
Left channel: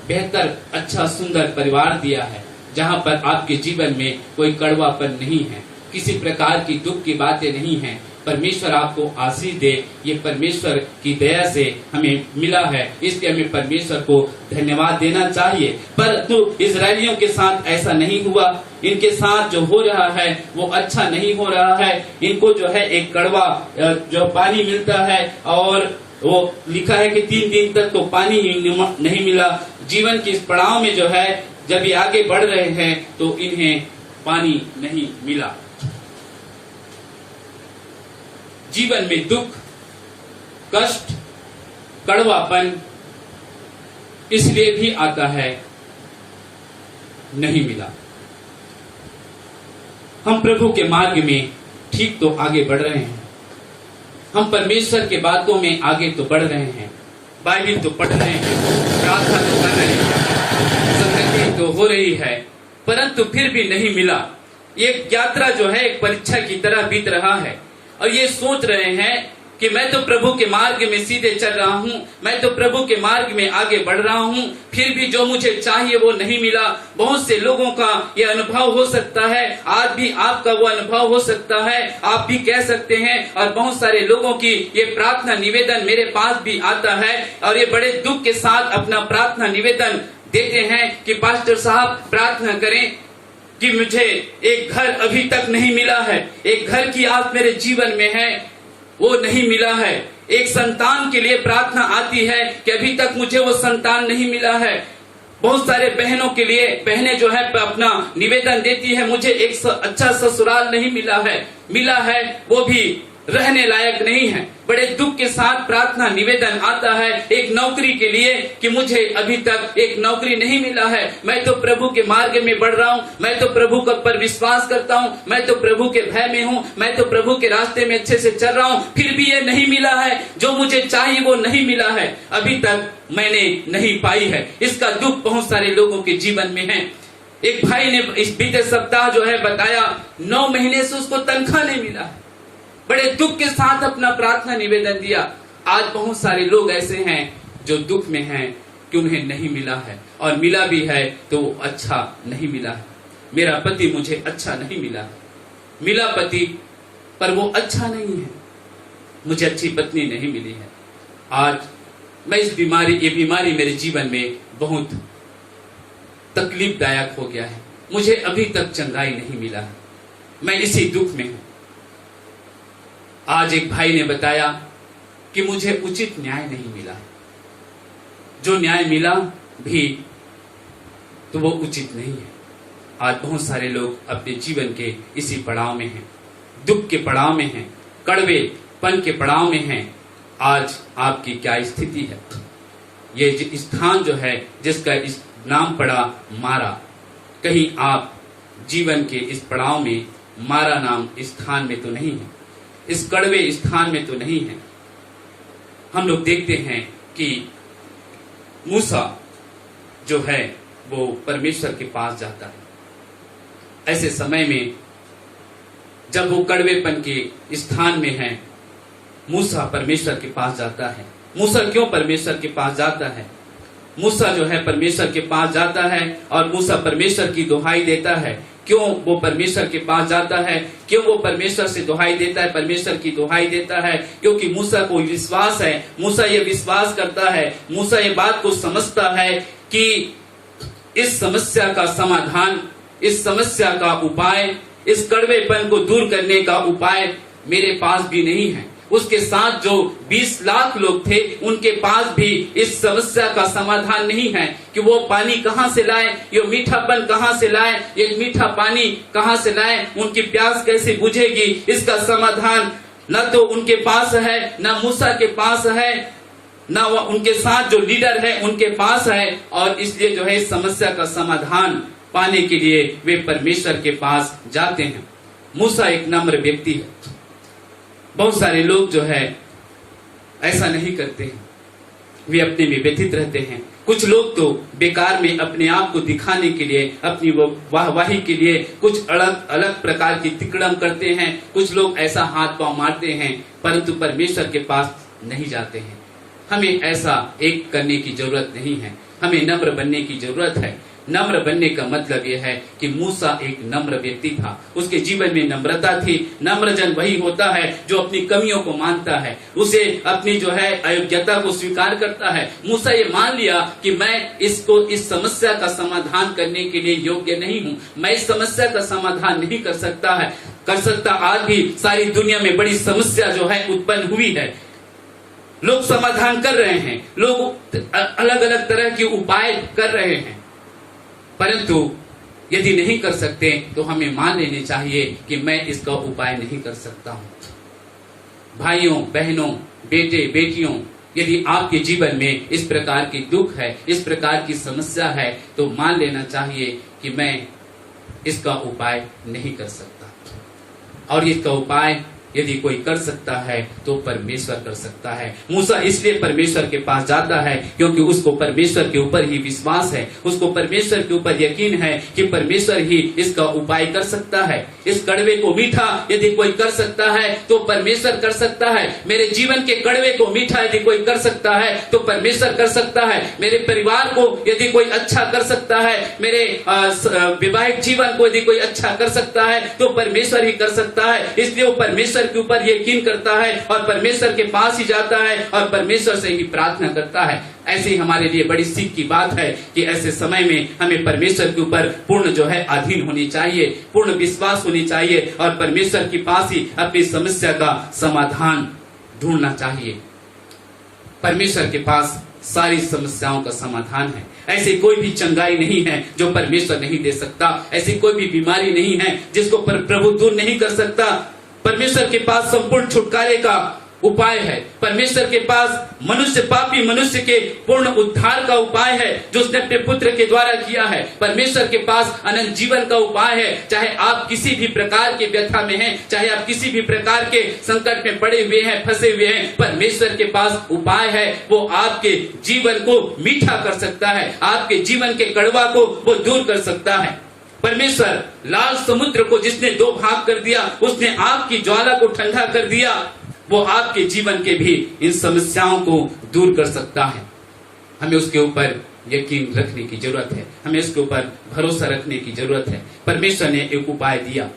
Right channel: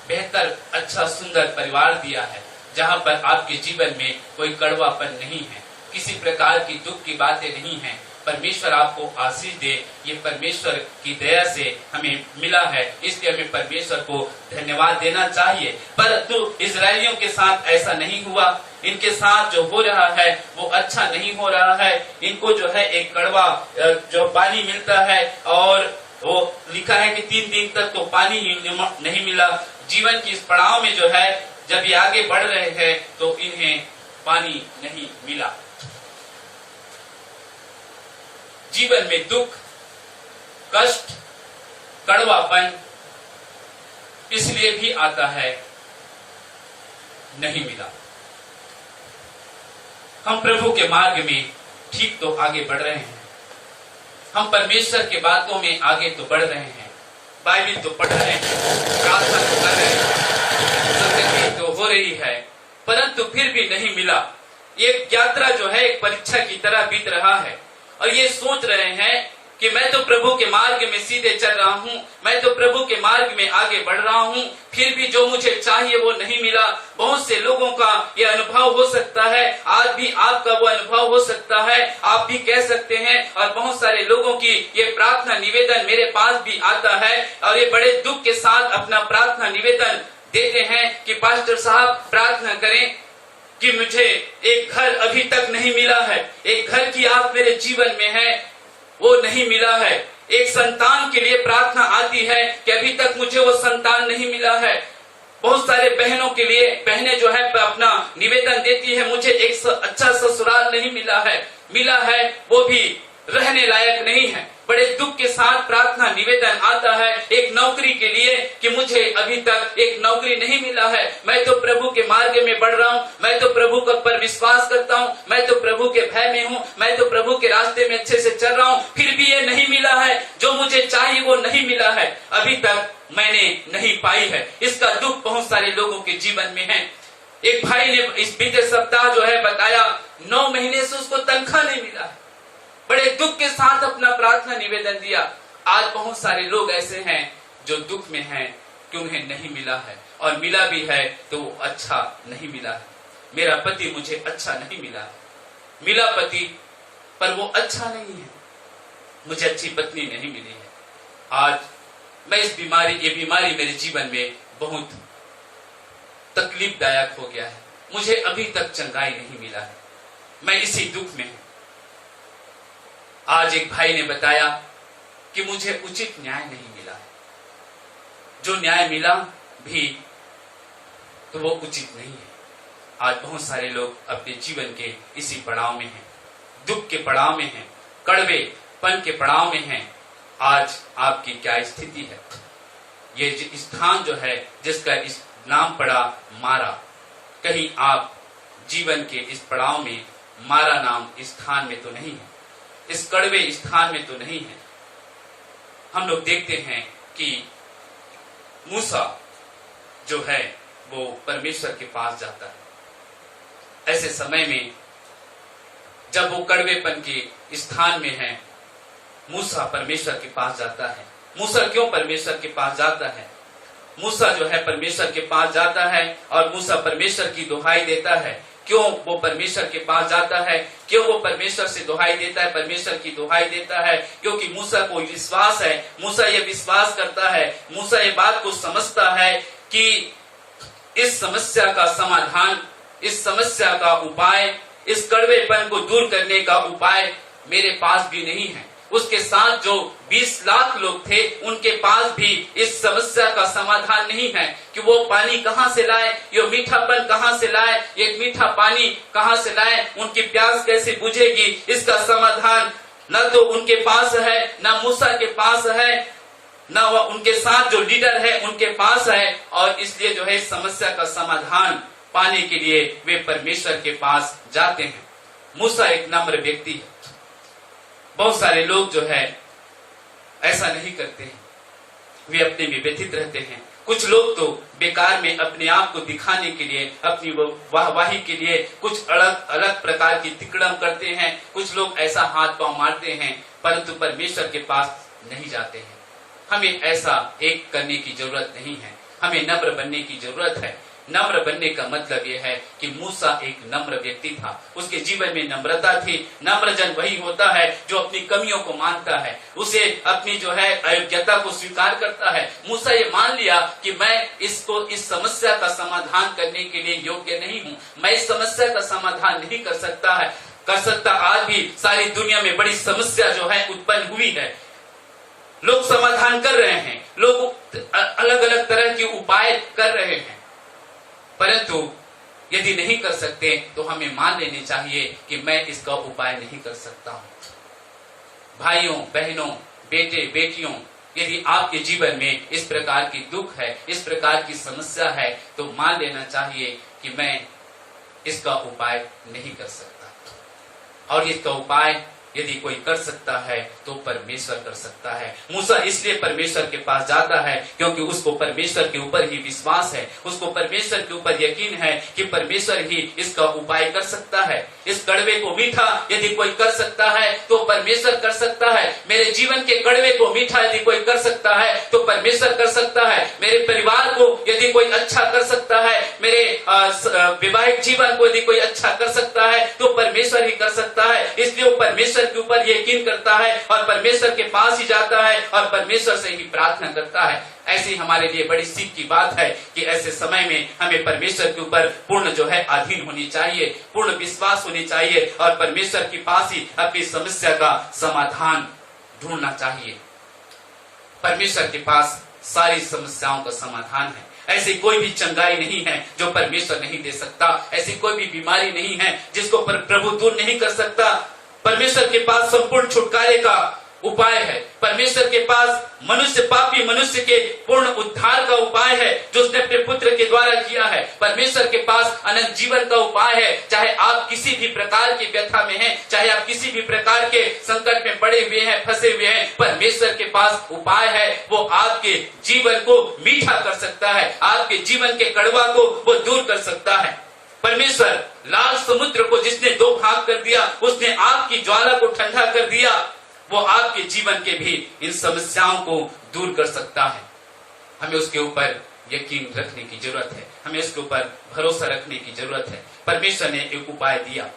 बेहतर, अच्छा, सुंदर परिवार दिया है, जहाँ पर आपके जीवन में कोई कड़वापन नहीं है, किसी प्रकार की दुख की बातें नहीं हैं। परमेश्वर आपको आशीष दे, ये परमेश्वर की दया से हमें मिला है, इसलिए हमें परमेश्वर को धन्यवाद देना चाहिए। परंतु इजरायलियों के साथ ऐसा नहीं हुआ। इनके साथ जो हो रहा है वो अच्छा नहीं हो रहा है। इनको जो है एक कड़वा जो पानी मिलता है, और वो लिखा है कि 3 दिन तक तो पानी नहीं मिला। जीवन के इस पड़ाव में जो है, जब ये आगे बढ़ रहे हैं तो इन्हें पानी नहीं मिला। जीवन में दुख, कष्ट, कड़वापन इसलिए भी आता है, नहीं मिला। हम प्रभु के मार्ग में ठीक तो आगे बढ़ रहे हैं, हम परमेश्वर के बातों में आगे तो बढ़ रहे हैं, बाइबल तो पढ़ रहे हैं, प्रार्थना तो कर रहे हैं, संगति तो हो रही है, परंतु फिर भी नहीं मिला। ये यात्रा जो है एक परीक्षा की तरह बीत रहा है, और ये सोच रहे हैं कि मैं तो प्रभु के मार्ग में सीधे चल रहा हूँ, मैं तो प्रभु के मार्ग में आगे बढ़ रहा हूँ, फिर भी जो मुझे चाहिए वो नहीं मिला। बहुत से लोगों का ये अनुभव हो सकता है, आज भी आपका वो अनुभव हो सकता है, आप भी कह सकते हैं। और बहुत सारे लोगों की ये प्रार्थना निवेदन मेरे पास भी आता है, और ये बड़े दुख के साथ अपना प्रार्थना निवेदन देते हैं कि पास्टर साहब प्रार्थना करें कि मुझे एक घर अभी तक नहीं मिला है, एक घर की आस मेरे जीवन में है, वो नहीं मिला है। एक संतान के लिए प्रार्थना आती है कि अभी तक मुझे वो संतान नहीं मिला है। बहुत सारे बहनों के लिए बहनें जो है अपना निवेदन देती है, मुझे एक अच्छा ससुराल नहीं मिला है, वो भी रहने लायक नहीं है। बड़े दुख के साथ प्रार्थना निवेदन आता है एक नौकरी के लिए कि मुझे अभी तक एक नौकरी नहीं मिला है। मैं तो प्रभु के मार्ग में बढ़ रहा हूँ, मैं तो प्रभु पर विश्वास करता हूँ, मैं तो प्रभु के भय में हूँ, मैं तो प्रभु के रास्ते में अच्छे से चल रहा हूँ, फिर भी ये नहीं मिला है, जो मुझे चाहिए वो नहीं मिला है, अभी तक मैंने नहीं पाई है। इसका दुख बहुत सारे लोगों के जीवन में है। एक भाई ने इस बीते सप्ताह जो है बताया, 9 महीने से उसको तनख्वाह नहीं मिला, बड़े दुख के साथ अपना प्रार्थना निवेदन दिया। आज बहुत सारे लोग ऐसे हैं जो दुख में हैं कि उन्हें नहीं मिला है, और मिला भी है तो अच्छा नहीं मिला है। मेरा पति मुझे अच्छा नहीं मिला है, मिला पति पर वो अच्छा नहीं है, मुझे अच्छी पत्नी नहीं मिली है। आज मैं ये बीमारी मेरे जीवन में बहुत तकलीफदायक हो गया है, मुझे अभी तक चंगाई नहीं मिला है, मैं इसी दुख में हूं। आज एक भाई ने बताया कि मुझे उचित न्याय नहीं मिला, जो न्याय मिला भी तो वो उचित नहीं है। आज बहुत सारे लोग अपने जीवन के इसी पड़ाव में हैं, दुख के पड़ाव में हैं, कड़वेपन के पड़ाव में हैं। आज आपकी क्या स्थिति है? ये स्थान जो है जिसका इस नाम पड़ा मारा, कहीं आप जीवन के इस पड़ाव में मारा नाम स्थान में तो नहीं है, इस कड़वे स्थान में तो नहीं है। हम लोग देखते हैं कि मूसा जो है वो परमेश्वर के पास जाता है। ऐसे समय में जब वो कड़वेपन के स्थान में है, मूसा परमेश्वर के पास जाता है। मूसा क्यों परमेश्वर के पास जाता है? मूसा जो है परमेश्वर के पास जाता है और मूसा परमेश्वर की दुहाई देता है। क्यों वो परमेश्वर के पास जाता है? क्यों वो परमेश्वर से दुहाई देता है, परमेश्वर की दुहाई देता है? क्योंकि मूसा को विश्वास है, मूसा ये विश्वास करता है, मूसा ये बात को समझता है कि इस समस्या का समाधान, इस समस्या का उपाय, इस कड़वेपन को दूर करने का उपाय मेरे पास भी नहीं है। उसके साथ जो 20 लाख लोग थे उनके पास भी इस समस्या का समाधान नहीं है कि वो पानी कहाँ से लाए, ये मीठापन कहाँ से लाए, ये मीठा पानी कहाँ से लाए, उनकी प्यास कैसे बुझेगी, इसका समाधान न तो उनके पास है, न मूसा के पास है, न उनके साथ जो लीडर है उनके पास है। और इसलिए जो है इस समस्या का समाधान पाने के लिए वे परमेश्वर के पास जाते हैं। मूसा एक नम्र व्यक्ति है। बहुत सारे लोग जो है ऐसा नहीं करते हैं। वे अपने में व्यथित रहते हैं। कुछ लोग तो बेकार में अपने आप को दिखाने के लिए, अपनी वाहवाही के लिए कुछ अलग अलग प्रकार की तिकड़म करते हैं। कुछ लोग ऐसा हाथ पांव मारते हैं, परंतु परमेश्वर के पास नहीं जाते हैं। हमें ऐसा एक करने की जरूरत नहीं है, हमें नम्र बनने की जरूरत है। नम्र बनने का मतलब यह है कि मूसा एक नम्र व्यक्ति था, उसके जीवन में नम्रता थी। नम्र जन वही होता है जो अपनी कमियों को मानता है, उसे अपनी जो है अयोग्यता को स्वीकार करता है। मूसा ये मान लिया कि मैं इस समस्या का समाधान करने के लिए योग्य नहीं हूँ, मैं इस समस्या का समाधान नहीं कर सकता। आज भी सारी दुनिया में बड़ी समस्या जो है उत्पन्न हुई है, लोग समाधान कर रहे हैं, लोग अलग अलग तरह के उपाय कर रहे हैं, परंतु यदि नहीं कर सकते तो हमें मान लेने चाहिए कि मैं इसका उपाय नहीं कर सकता हूं। भाइयों बहनों, बेटे बेटियों, यदि आपके जीवन में इस प्रकार की दुख है, इस प्रकार की समस्या है, तो मान लेना चाहिए कि मैं इसका उपाय नहीं कर सकता। और इसका उपाय यदि कोई कर सकता है तो परमेश्वर कर सकता है। मूसा इसलिए परमेश्वर के पास जाता है क्योंकि उसको परमेश्वर के ऊपर ही विश्वास है, उसको परमेश्वर के ऊपर यकीन है कि परमेश्वर ही इसका उपाय कर सकता है। इस कड़वे को मीठा यदि कोई कर सकता है तो परमेश्वर कर सकता है। मेरे जीवन के कड़वे को मीठा यदि कोई कर सकता है तो परमेश्वर कर सकता है। मेरे परिवार को यदि कोई अच्छा कर सकता है, मेरे वैवाहिक जीवन को यदि कोई अच्छा कर सकता है तो परमेश्वर ही कर सकता है। इसलिए वो परमेश्वर के ऊपर यकीन करता है और परमेश्वर के पास ही जाता है और परमेश्वर से ही प्रार्थना करता है। ऐसे ही हमारे लिए बड़ी सीख की बात है कि ऐसे समय में हमें परमेश्वर के ऊपर पूर्ण जो है अधीन होनी चाहिए, पूर्ण विश्वास होनी चाहिए और परमेश्वर के पास ही अपनी समस्या का समाधान ढूंढना चाहिए। परमेश्वर के पास सारी समस्याओं का समाधान है। ऐसी कोई भी चंगाई नहीं है जो परमेश्वर नहीं दे सकता, ऐसी कोई भी बीमारी नहीं है जिसको प्रभु दूर नहीं कर सकता। परमेश्वर के पास संपूर्ण छुटकारे का उपाय है। परमेश्वर के पास पापी मनुष्य के पूर्ण उद्धार का उपाय है जो उसने अपने पुत्र के द्वारा किया है। परमेश्वर के पास अनंत जीवन का उपाय है। चाहे आप किसी भी प्रकार के व्यथा में हैं, चाहे आप किसी भी प्रकार के संकट में पड़े हुए हैं, फंसे हुए हैं, परमेश्वर के पास उपाय है। वो आपके जीवन को मीठा कर सकता है, आपके जीवन के कड़वा को वो दूर कर सकता है। परमेश्वर लाल समुद्र को जिसने दो भाग कर दिया, उसने आग की ज्वाला को ठंडा कर दिया, वो आपके जीवन के भी इन समस्याओं को दूर कर सकता है। हमें उसके ऊपर यकीन रखने की जरूरत है, हमें उसके ऊपर भरोसा रखने की जरूरत है। परमेश्वर ने एक उपाय दिया,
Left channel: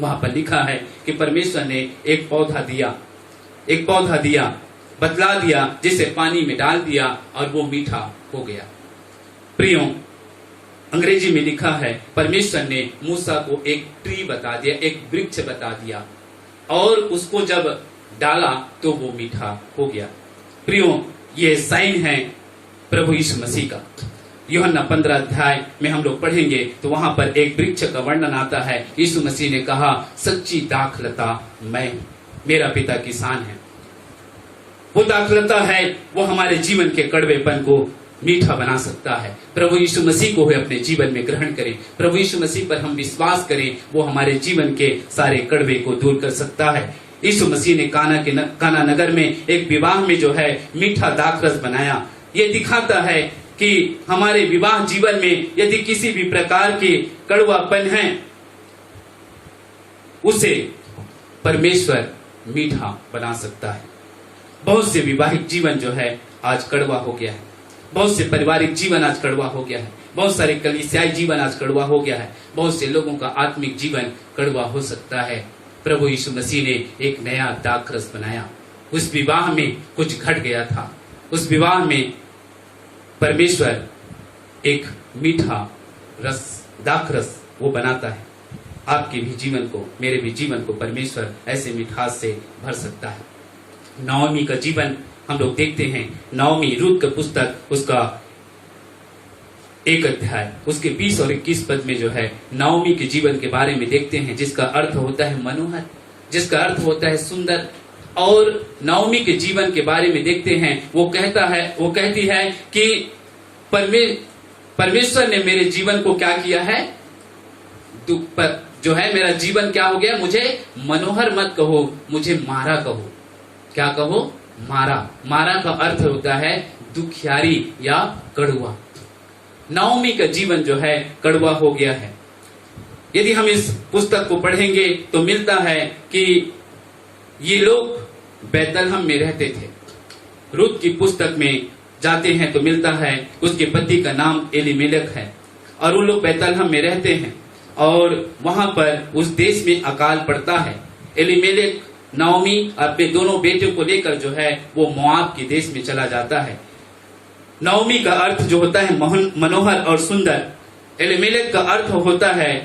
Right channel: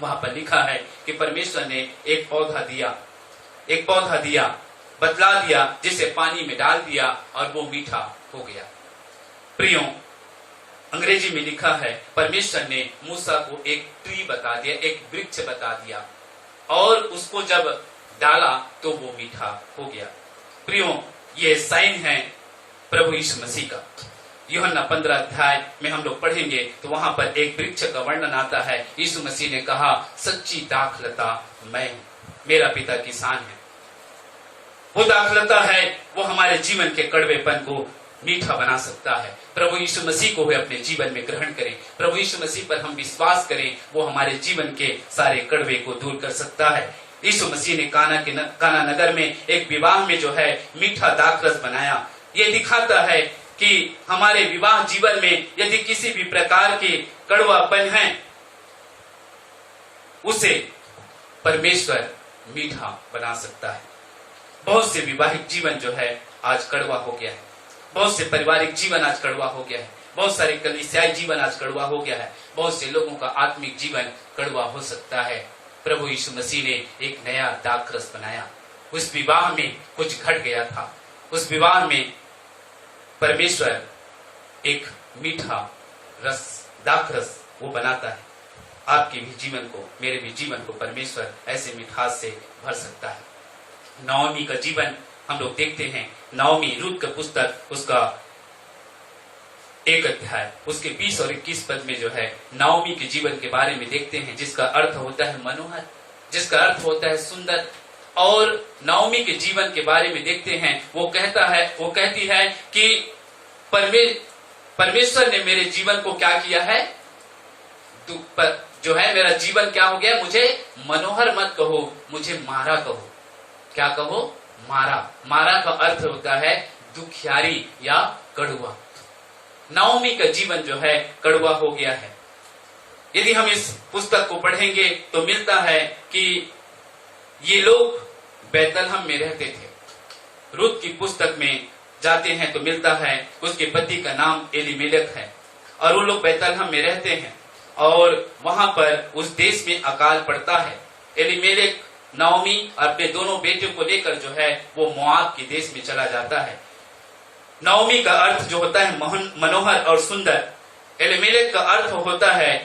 वहां पर लिखा है कि परमेश्वर ने एक पौधा दिया, बतला दिया, जिसे पानी में डाल दिया और वो मीठा हो गया। प्रियों, अंग्रेजी में लिखा है परमेश्वर ने मूसा को एक ट्री बता दिया, एक वृक्ष बता दिया और उसको जब डाला तो वो मीठा हो गया। प्रियों, ये साइन है प्रभु यीशु मसीह का। यूहन्ना 15 अध्याय में हम लोग पढ़ेंगे तो वहां पर एक वृक्ष का वर्णन आता है। यीशु मसीह ने कहा, सच्ची दाखलता मैं, मेरा पिता किसान है। वो दाखलता है, वो हमारे जीवन के कड़वेपन को मीठा बना सकता है। प्रभु यीशु मसीह को अपने जीवन में ग्रहण करें, प्रभु यीशु मसीह पर हम विश्वास करें, वो हमारे जीवन के सारे कड़वे को दूर कर सकता है। यीशु मसीह ने काना नगर में एक विवाह में जो है मीठा दाखरस बनाया। ये दिखाता है कि हमारे विवाह जीवन में यदि किसी भी प्रकार के कड़वापन है, उसे परमेश्वर मीठा बना सकता है। बहुत से विवाहिक जीवन जो है आज कड़वा हो गया है, बहुत से पारिवारिक जीवन आज कड़वा हो गया है, बहुत सारे कलीसियाई जीवन आज कड़वा हो गया है, बहुत से लोगों का आत्मिक जीवन कड़वा हो सकता है। प्रभु यीशु मसीह ने एक नया दाखरस बनाया। उस विवाह में कुछ घट गया था, उस विवाह में परमेश्वर एक मीठा रस, दाखरस वो बनाता है। आपके भी जीवन को, मेरे भी जीवन को परमेश्वर ऐसे मिठास से भर सकता है। नाओमी का जीवन हम लोग देखते हैं। नाओमी, रूत का पुस्तक, उसका 1 अध्याय, उसके 20 और 21 पद में जो है नाओमी के जीवन के बारे में देखते हैं, जिसका अर्थ होता है मनोहर, जिसका अर्थ होता है सुंदर। और नाओमी के जीवन के बारे में देखते हैं, वो कहती है कि परमेश्वर ने मेरे जीवन को क्या किया है, दुख पर जो है मेरा जीवन क्या हो गया, मुझे मनोहर मत कहो, मुझे मारा कहो। क्या कहो? मारा। मारा का अर्थ होता है दुखियारी या कड़वा। नाओमी का जीवन जो है कड़वा हो गया है। यदि हम इस पुस्तक को पढ़ेंगे तो मिलता है कि ये लोग बैतलहम में रहते थे। रूत की पुस्तक में जाते हैं तो मिलता है उसके पति का नाम एलीमेलेक है और वो लोग बैतलहम में रहते हैं और वहां पर उस देश में अकाल पड़ता है। एलीमेलेक नाओमी अपने दोनों बेटियों को लेकर जो है वो मोआब के देश में चला जाता है। नाओमी का अर्थ जो होता है मनोहर और सुंदर। एलीमेलेक का अर्थ होता है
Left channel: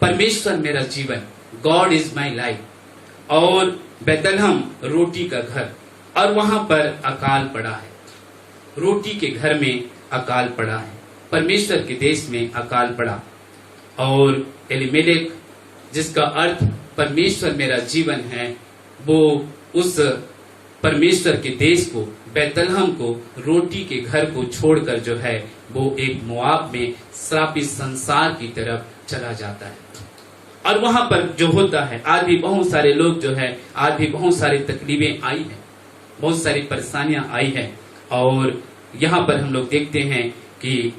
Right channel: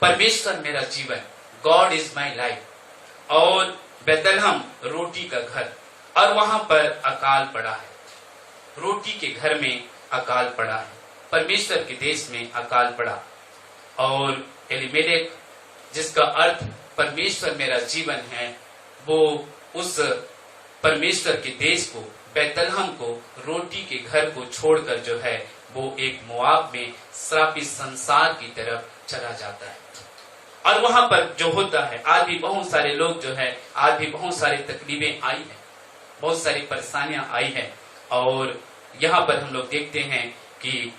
परमेश्वर मेरा जीवन, गॉड इज माई लाइफ। और बैतलहम रोटी का घर, और वहां पर अकाल पड़ा है। रोटी के घर में अकाल पड़ा है, परमेश्वर के देश में अकाल पड़ा। और एलीमेलेक जिसका अर्थ परमेश्वर मेरा जीवन है, वो उस परमेश्वर के देश को, बैतलहम को, रोटी के घर को छोड़कर जो है वो एक मोआब में श्रापित संसार की तरफ चला जाता है। और वहां पर जो होता है, आज भी बहुत सारे लोग जो है, आज भी बहुत सारी तकलीफें आई हैं, बहुत सारी परेशानियां आई हैं। और यहाँ पर हम लोग देखते हैं कि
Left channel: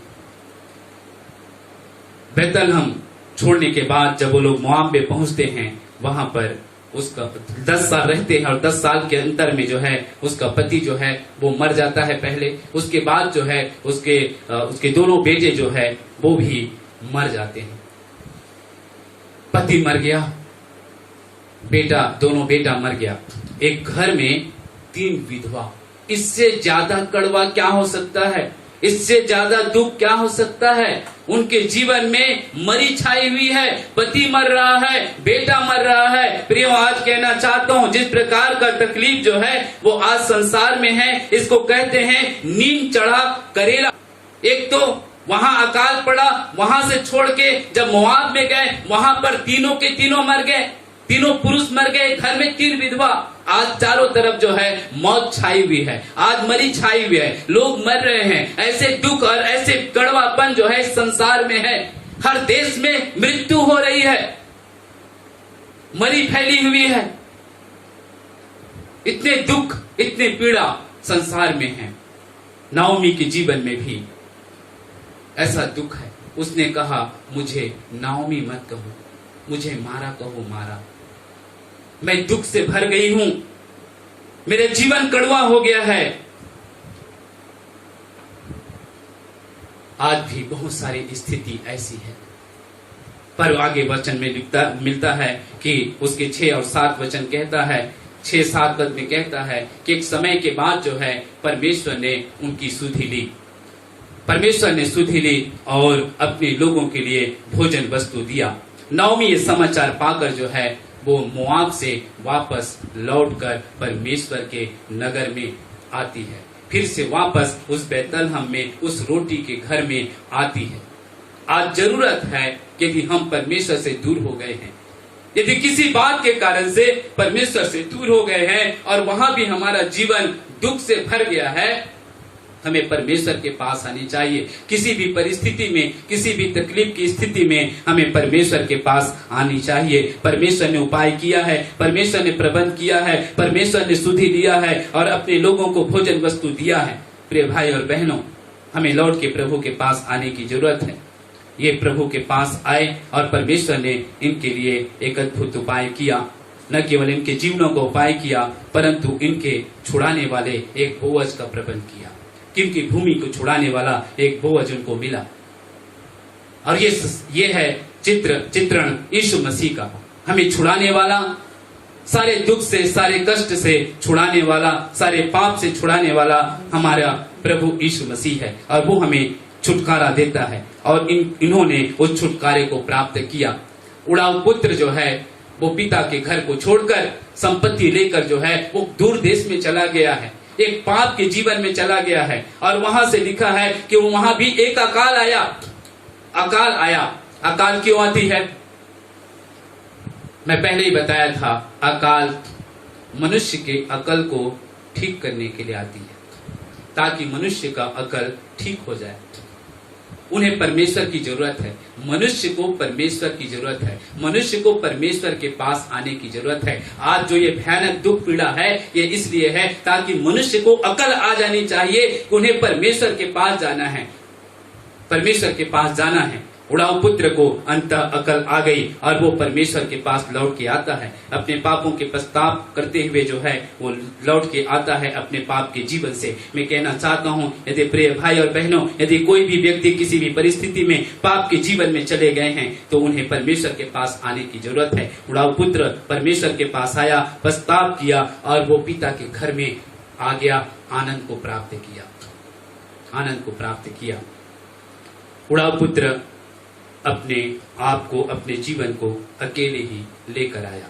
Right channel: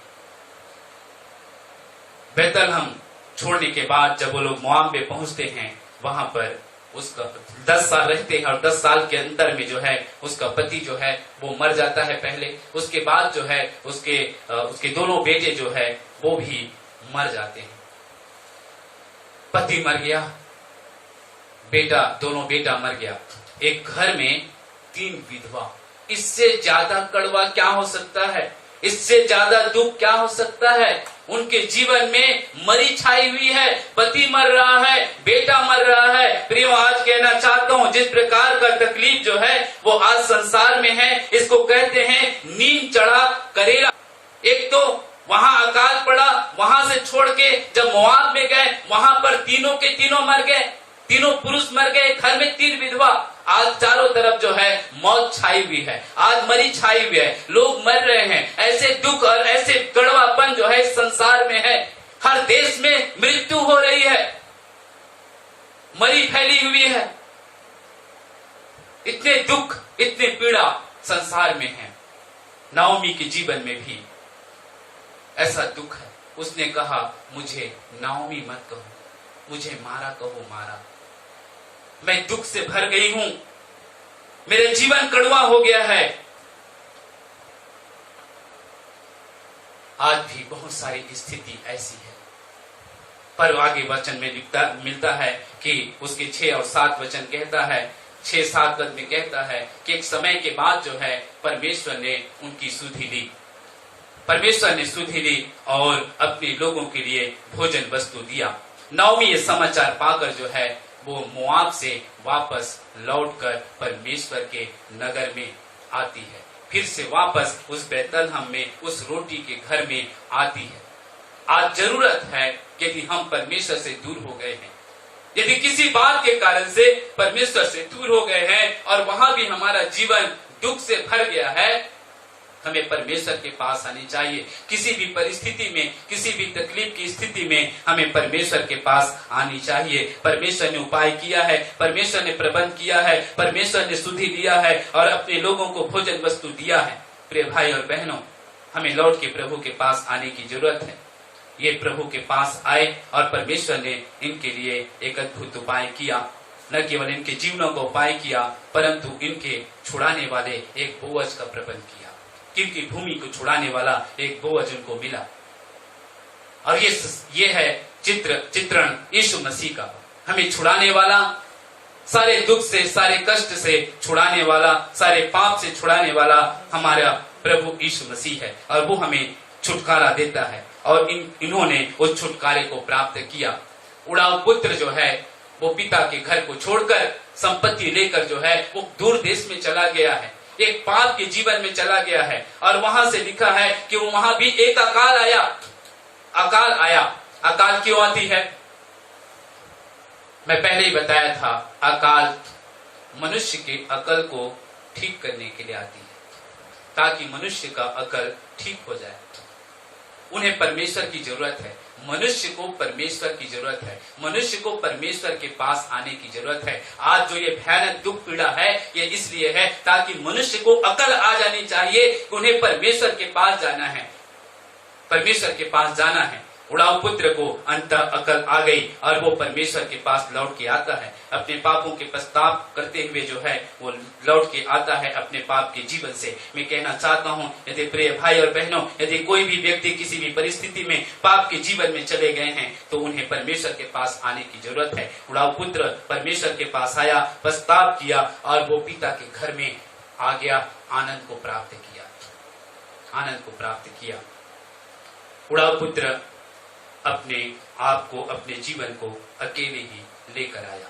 बैतलहम छोड़ने के बाद जब वो लोग मोआब में पहुंचते हैं, वहां पर उसका 10 साल रहते हैं और 10 साल के अंतर में जो है उसका पति जो है वो मर जाता है पहले। उसके बाद जो है उसके दोनों बेटे जो है वो भी मर जाते हैं। पति मर गया, दोनों बेटा मर गया, एक घर में 3 विधवा। इससे ज्यादा कड़वा क्या हो सकता है? इससे ज्यादा दुख क्या हो सकता है? उनके जीवन में मरी छाई हुई है, पति मर रहा है, बेटा मर रहा है। प्रियो, आज कहना चाहता हूँ, जिस प्रकार का तकलीफ जो है वो आज संसार में है, इसको कहते हैं नीम चढ़ा करेला। एक तो वहां अकाल पड़ा, वहां से छोड़ के जब मोआब में गए, वहां पर तीनों के तीनों मर गए, तीनों पुरुष मर गए, घर में 3 विधवा। आज चारों तरफ जो है मौत छाई हुई है, आज मरी छाई हुई है, लोग मर रहे हैं। ऐसे दुख और ऐसे कड़वापन जो है संसार में है। हर देश में मृत्यु हो रही है, मरी फैली हुई है। इतने दुख, इतनी पीड़ा संसार में है। नाओमी के जीवन में भी ऐसा दुख है। उसने कहा, मुझे नाओमी मत कहो, मुझे मारा कहो मारा। मैं दुख से भर गई हूं, मेरे जीवन कड़वा हो गया है। आज भी बहुत सारी स्थिति ऐसी है, पर आगे वचन में मिलता है कि उसके 6 और 7 वचन कहता है, 6-7 पद में कहता है कि एक समय के बाद जो है परमेश्वर ने उनकी सुधि ली। परमेश्वर ने सुधि ली और अपने लोगों के लिए भोजन वस्तु दिया। नाओमी ये समाचार पाकर जो है वो मोआब से वापस लौटकर परमेश्वर के नगर में आती है, फिर से वापस उस बैतलहम में, उस रोटी के घर में आती है। आज जरूरत है, यदि हम परमेश्वर से दूर हो गए हैं, यदि किसी बात के कारण से परमेश्वर से दूर हो गए हैं और वहां भी हमारा जीवन दुख से भर गया है, हमें परमेश्वर के पास आनी चाहिए। किसी भी परिस्थिति में, किसी भी तकलीफ की स्थिति में हमें परमेश्वर के पास आनी चाहिए। परमेश्वर ने उपाय किया है, परमेश्वर ने प्रबंध किया है, परमेश्वर ने सुधि दिया है और अपने लोगों को भोजन वस्तु दिया है। प्रिय भाई और बहनों, हमें लौट के प्रभु के पास आने की जरूरत है। ये प्रभु के पास आए और परमेश्वर ने इनके लिए एक अद्भुत उपाय किया। न केवल इनके जीवनों का उपाय किया, परंतु इनके छुड़ाने वाले एक बोअज का प्रबंध किया। किनकी भूमि को छुड़ाने वाला एक बोअज उनको मिला। और ये है चित्रण यीशु मसीह का। हमें छुड़ाने वाला, सारे दुख से, सारे कष्ट से छुड़ाने वाला, सारे पाप से छुड़ाने वाला हमारा प्रभु यीशु मसीह है और वो हमें छुटकारा देता है। और इन्होंने उस छुटकारे को प्राप्त किया। उड़ाऊ पुत्र जो है वो पिता के घर को छोड़कर, संपत्ति लेकर जो है वो दूर देश में चला गया है, एक पाप के जीवन में चला गया है। और वहां से लिखा है कि वहां भी एक अकाल आया। अकाल क्यों आती है? मैं पहले ही बताया था, अकाल मनुष्य के अकल को ठीक करने के लिए आती है, ताकि मनुष्य का अकल ठीक हो जाए। उन्हें परमेश्वर की जरूरत है। मनुष्य को परमेश्वर की जरूरत है। मनुष्य को परमेश्वर के पास आने की जरूरत है। आज जो ये भयानक दुख पीड़ा है, ये इसलिए है ताकि मनुष्य को अकल आ जानी चाहिए कि उन्हें परमेश्वर के पास जाना है, परमेश्वर के पास जाना है। उड़ाऊ पुत्र को अंत अकल आ गई और वो परमेश्वर के पास लौट के आता है। अपने पापों के पश्चाताप करते हुए जो है वो लौट के आता है अपने पाप के जीवन से। मैं कहना चाहता हूँ, यदि प्रिय भाई और बहनों, यदि कोई भी व्यक्ति किसी भी परिस्थिति में पाप के जीवन में चले गए हैं तो उन्हें परमेश्वर के पास आने की जरूरत है। उड़ाऊ पुत्र परमेश्वर के पास आया, पश्चाताप किया और वो पिता के घर में आ गया, आनंद को प्राप्त किया, आनंद को प्राप्त किया। उड़ाऊ पुत्र अपने आप को, अपने जीवन को अकेले ही लेकर आया,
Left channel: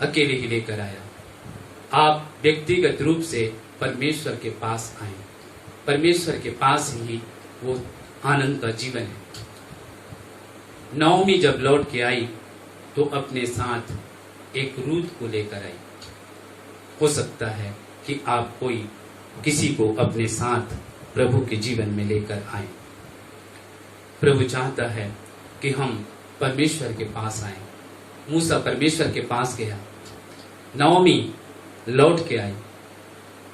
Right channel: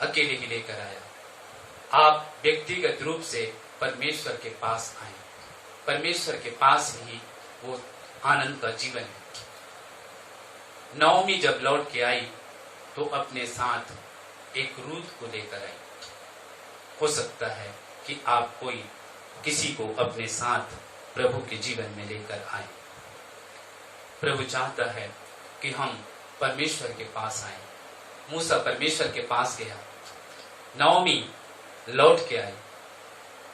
अकेले ही लेकर आया। आप व्यक्तिगत रूप से परमेश्वर के पास आए, परमेश्वर के पास ही वो आनंद का जीवन है। नवमी जब लौट के आई तो अपने साथ एक रूत को लेकर आई। हो सकता है कि आप कोई किसी को अपने साथ प्रभु के जीवन में लेकर आए। प्रभु चाहता है कि हम परमेश्वर के पास आए। मूसा परमेश्वर के पास गया, नवमी लौट के आई,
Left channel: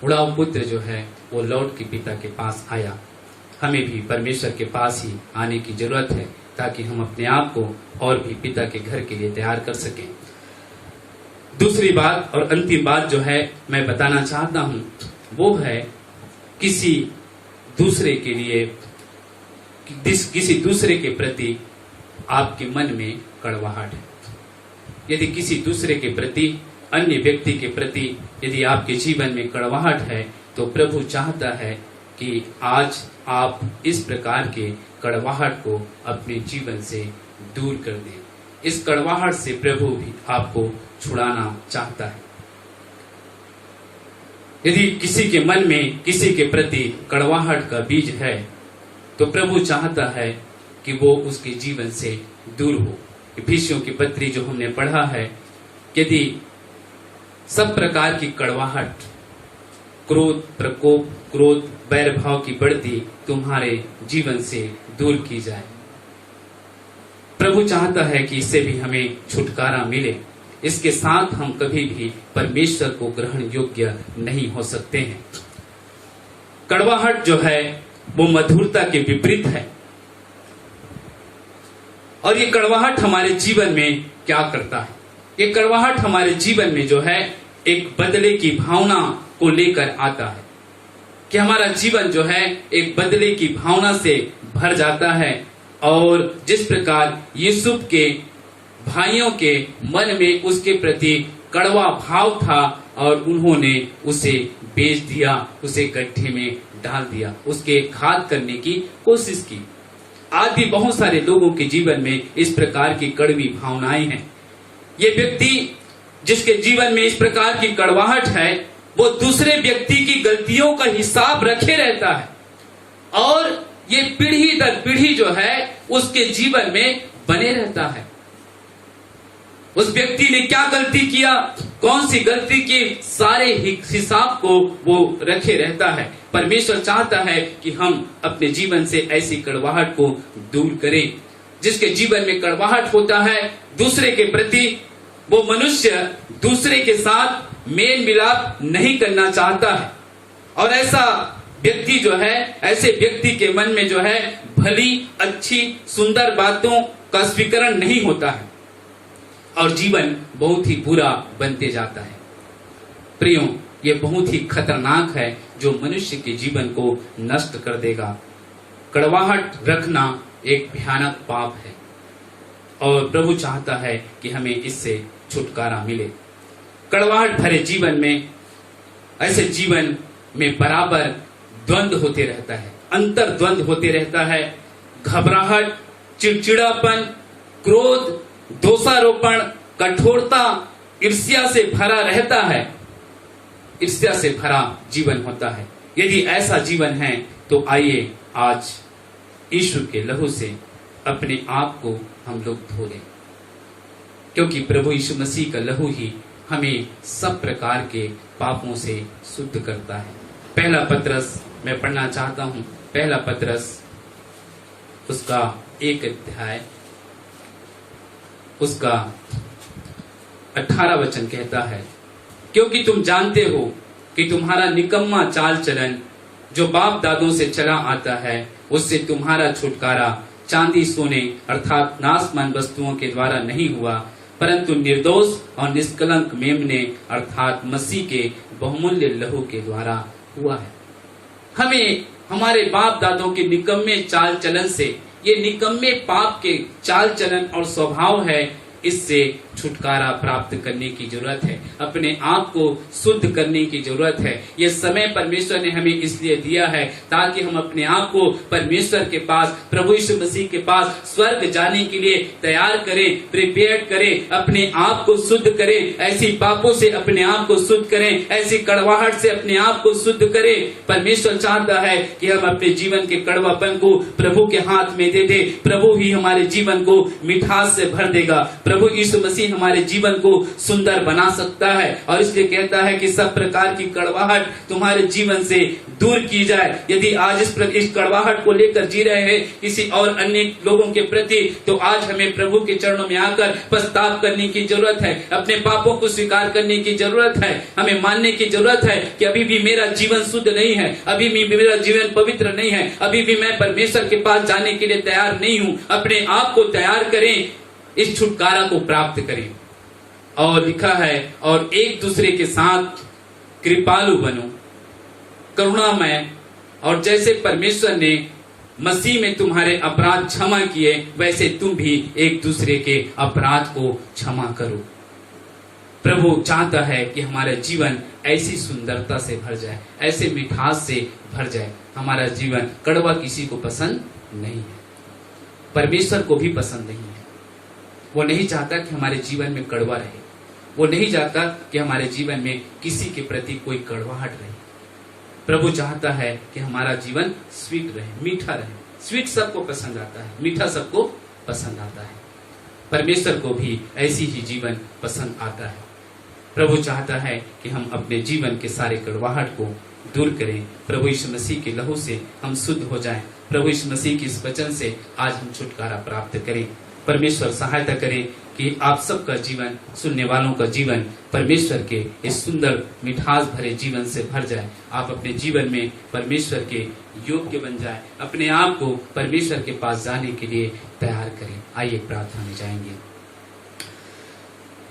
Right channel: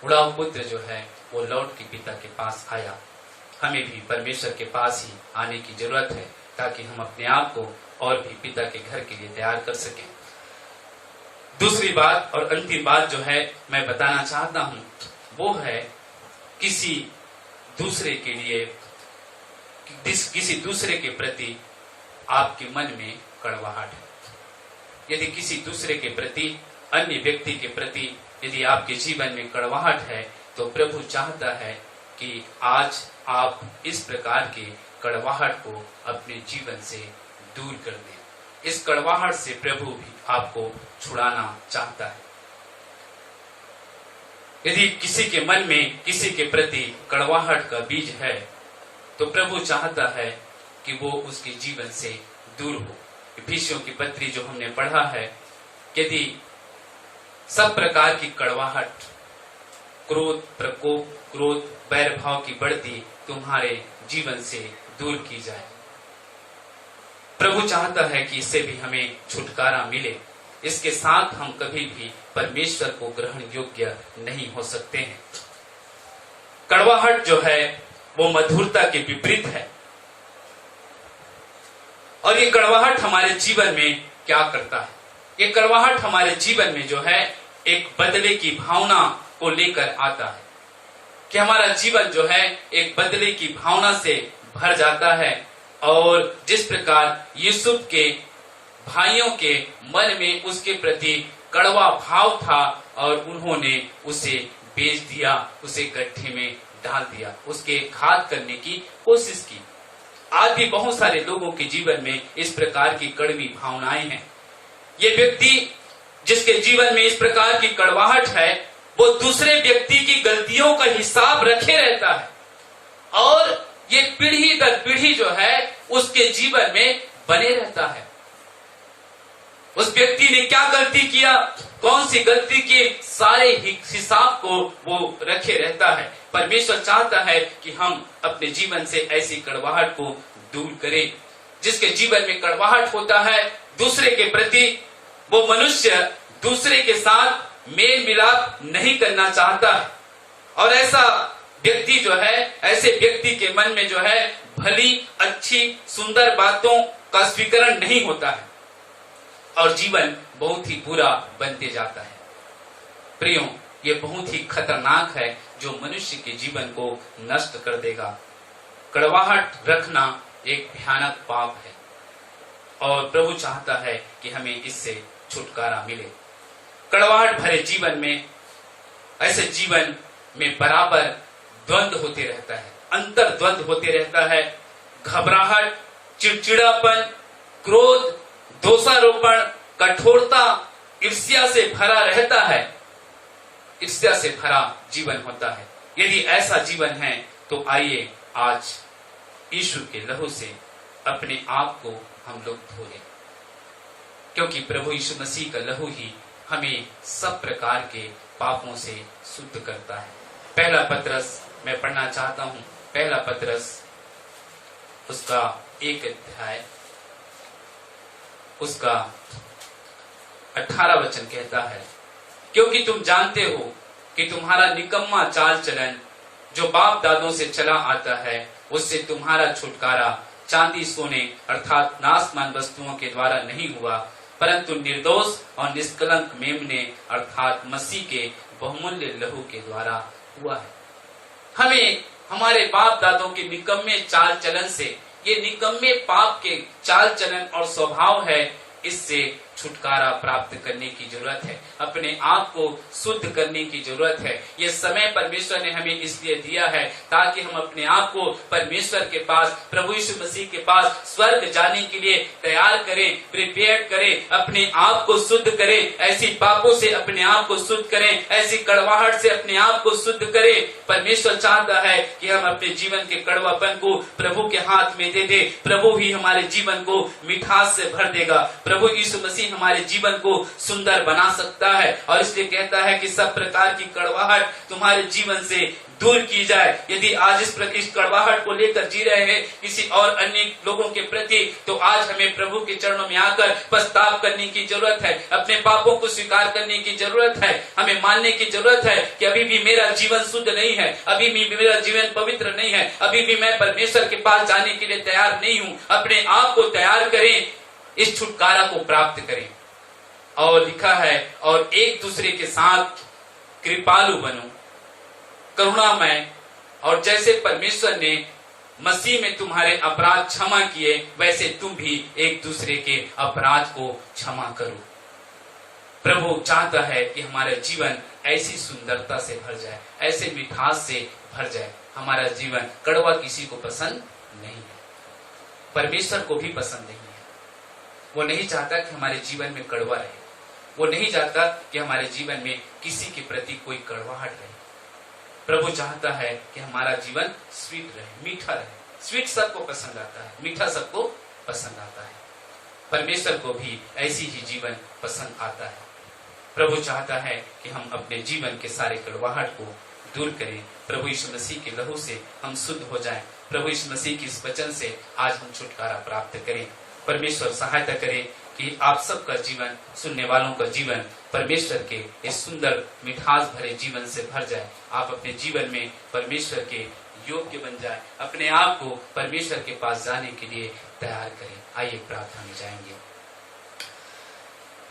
उड़ाऊ पुत्र जो है वो लौट के पिता के पास आया। हमें भी परमेश्वर के पास ही आने की जरूरत है ताकि हम अपने आप को और भी पिता के घर के लिए तैयार कर सकें। दूसरी बात और अंतिम बात जो है मैं बताना चाहता हूं वो है किसी दूसरे के लिए, किसी दूसरे के प्रति आपके मन में कड़वाहट है। यदि किसी दूसरे के प्रति, अन्य व्यक्ति के प्रति यदि आपके जीवन में कड़वाहट है तो प्रभु चाहता है कि आज आप इस प्रकार के कड़वाहट को अपने जीवन से दूर कर दें। इस कड़वाहट से प्रभु भी आपको छुड़ाना चाहता है। यदि किसी के मन में किसी के प्रति कड़वाहट का बीज है तो प्रभु चाहता है कि वो उसके जीवन से दूर हो। इफिसियों की पत्री जो हमने पढ़ा है, यदि सब प्रकार की कड़वाहट, क्रोध, प्रकोप, क्रोध, बैर भाव की बढ़ती तुम्हारे जीवन से दूर की जाए। प्रभु चाहता है कि इससे भी हमें छुटकारा मिले। इसके साथ हम कभी भी परमेश्वर को ग्रहण योग्य नहीं हो सकते हैं। कड़वाहट जो है वो मधुरता के विपरीत है। और ये कड़वाहट हमारे जीवन में क्या करता है? ये कड़वाहट हमारे जीवन में जो है एक बदले की भावना को लेकर आता है कि हमारा जीवन जो है एक बदले की भावना से भर जाता है। और जिस प्रकार यूसुफ के भाइयों के मन में उसके प्रति कड़वा भाव था और उन्होंने उसे बेच दिया, उसे गड्ढे में डाल दिया, उसके घात करने की कोशिश की। आज भी बहुत सारे लोगों के जीवन में इस प्रकार की कड़वी भावनाएं हैं। ये व्यक्ति जिसके जीवन में इस प्रकार की कड़वाहट है वो दूसरे व्यक्ति की गलतियों का हिसाब रखे रहता है और ये पीढ़ी दर पीढ़ी जो है उसके जीवन में बने रहता है। उस व्यक्ति ने क्या गलती किया, कौन सी गलती की, सारे हिसाब को वो रखे रहता है। परमेश्वर चाहता है कि हम अपने जीवन से ऐसी कड़वाहट को दूर करें। जिसके जीवन में कड़वाहट होता है दूसरे के प्रति, वो मनुष्य दूसरे के साथ मेल मिलाप नहीं करना चाहता है। और ऐसा व्यक्ति जो है, ऐसे व्यक्ति के मन में जो है भली, अच्छी, सुंदर बातों का स्वीकरण नहीं होता है और जीवन बहुत ही बुरा बनते जाता है। प्रियो, ये बहुत ही खतरनाक है जो मनुष्य के जीवन को नष्ट कर देगा। कड़वाहट रखना एक भयानक पाप है और प्रभु चाहता है कि हमें इससे छुटकारा मिले। कड़वाहट भरे जीवन में, ऐसे जीवन में बराबर द्वंद्व होते रहता है, अंतर द्वंद्व होते रहता है। घबराहट, चिड़चिड़ापन, क्रोध, दोषारोपण, कठोरता, ईर्ष्या से भरा रहता है। ईर्ष्या से भरा जीवन होता है। यदि ऐसा जीवन है तो आइए आज यीशु के लहू से अपने आप को हम लोग धो लें, क्योंकि प्रभु यीशु मसीह का लहू ही हमें सब प्रकार के पापों से शुद्ध करता है। पहला पत्रस मैं पढ़ना चाहता हूँ। पहला पतरस उसका 1 अध्याय उसका 18 वचन कहता है, क्योंकि तुम जानते हो कि तुम्हारा निकम्मा चाल चलन जो बाप दादों से चला आता है, उससे तुम्हारा छुटकारा चांदी सोने अर्थात नाशमान वस्तुओं के द्वारा नहीं हुआ, परंतु निर्दोष और निष्कलंक मेमने अर्थात मसीह के बहुमूल्य लहू के द्वारा हुआ है। हमें हमारे बाप दादों के निकम्मे चाल चलन से, ये निकम्मे पाप के चाल चलन और स्वभाव है, इससे छुटकारा प्राप्त करने की जरूरत है। अपने आप को शुद्ध करने की जरूरत है। ये समय परमेश्वर ने हमें इसलिए दिया है ताकि हम अपने आप को परमेश्वर के पास, प्रभु यीशु मसीह के पास स्वर्ग जाने के लिए तैयार करें, प्रिपेयर करें, अपने आप को शुद्ध करें, ऐसी पापों से अपने आप को शुद्ध करें, ऐसी कड़वाहट से अपने आप को शुद्ध करें। परमेश्वर चाहता है कि हम अपने जीवन के कड़वापन को प्रभु के हाथ में दे दे। प्रभु ही हमारे जीवन को मिठास से भर देगा। प्रभु यीशु मसीह हमारे जीवन को सुंदर बना सकता है, और इसलिए कहता है कि सब प्रकार की कड़वाहट तुम्हारे जीवन से दूर की जाए। यदि आज इस कड़वाहट को लेकर जी रहे हैं किसी और अन्य लोगों के प्रति, तो आज हमें प्रभु के चरणों में आकर पछतावा करने की जरूरत है, अपने पापों को स्वीकार करने की जरूरत है। हमें मानने की जरूरत है कि अभी भी मेरा जीवन शुद्ध नहीं है, अभी भी मेरा जीवन पवित्र नहीं है, अभी भी मैं परमेश्वर के पास जाने के लिए तैयार नहीं हूँ। अपने आप को तैयार करें, इस छुटकारा को प्राप्त करें। और लिखा है, और एक दूसरे के साथ कृपालु बनो, करुणामय, और जैसे परमेश्वर ने मसीह में तुम्हारे अपराध क्षमा किए, वैसे तुम भी एक दूसरे के अपराध को क्षमा करो। प्रभु चाहता है कि हमारा जीवन ऐसी सुंदरता से भर जाए, ऐसे मिठास से भर जाए। हमारा जीवन कड़वा किसी को पसंद नहीं है, परमेश्वर को भी पसंद नहीं है। वो नहीं चाहता कि हमारे जीवन में कड़वा रहे, वो नहीं चाहता कि हमारे जीवन में किसी के प्रति कोई कड़वाहट रहे। प्रभु चाहता है कि हमारा जीवन स्वीट रहे, मीठा रहे। स्वीट सबको पसंद आता है, मीठा सबको पसंद आता है। परमेश्वर को भी ऐसी ही जीवन पसंद आता है। प्रभु चाहता है कि हम अपने जीवन के सारे कड़वाहट को दूर करें। प्रभु यीशु मसीह के लहू से हम शुद्ध हो जाएं। प्रभु यीशु मसीह की इस वचन से आज हम छुटकारा प्राप्त करें। परमेश्वर सहायता करे कि आप सबका जीवन, सुनने वालों का जीवन परमेश्वर के इस सुंदर मिठास भरे जीवन से भर जाए। आप अपने जीवन में परमेश्वर के योग्य बन जाए, अपने आप को परमेश्वर के पास जाने के लिए तैयार करें। आइए प्रार्थना में जाएंगे।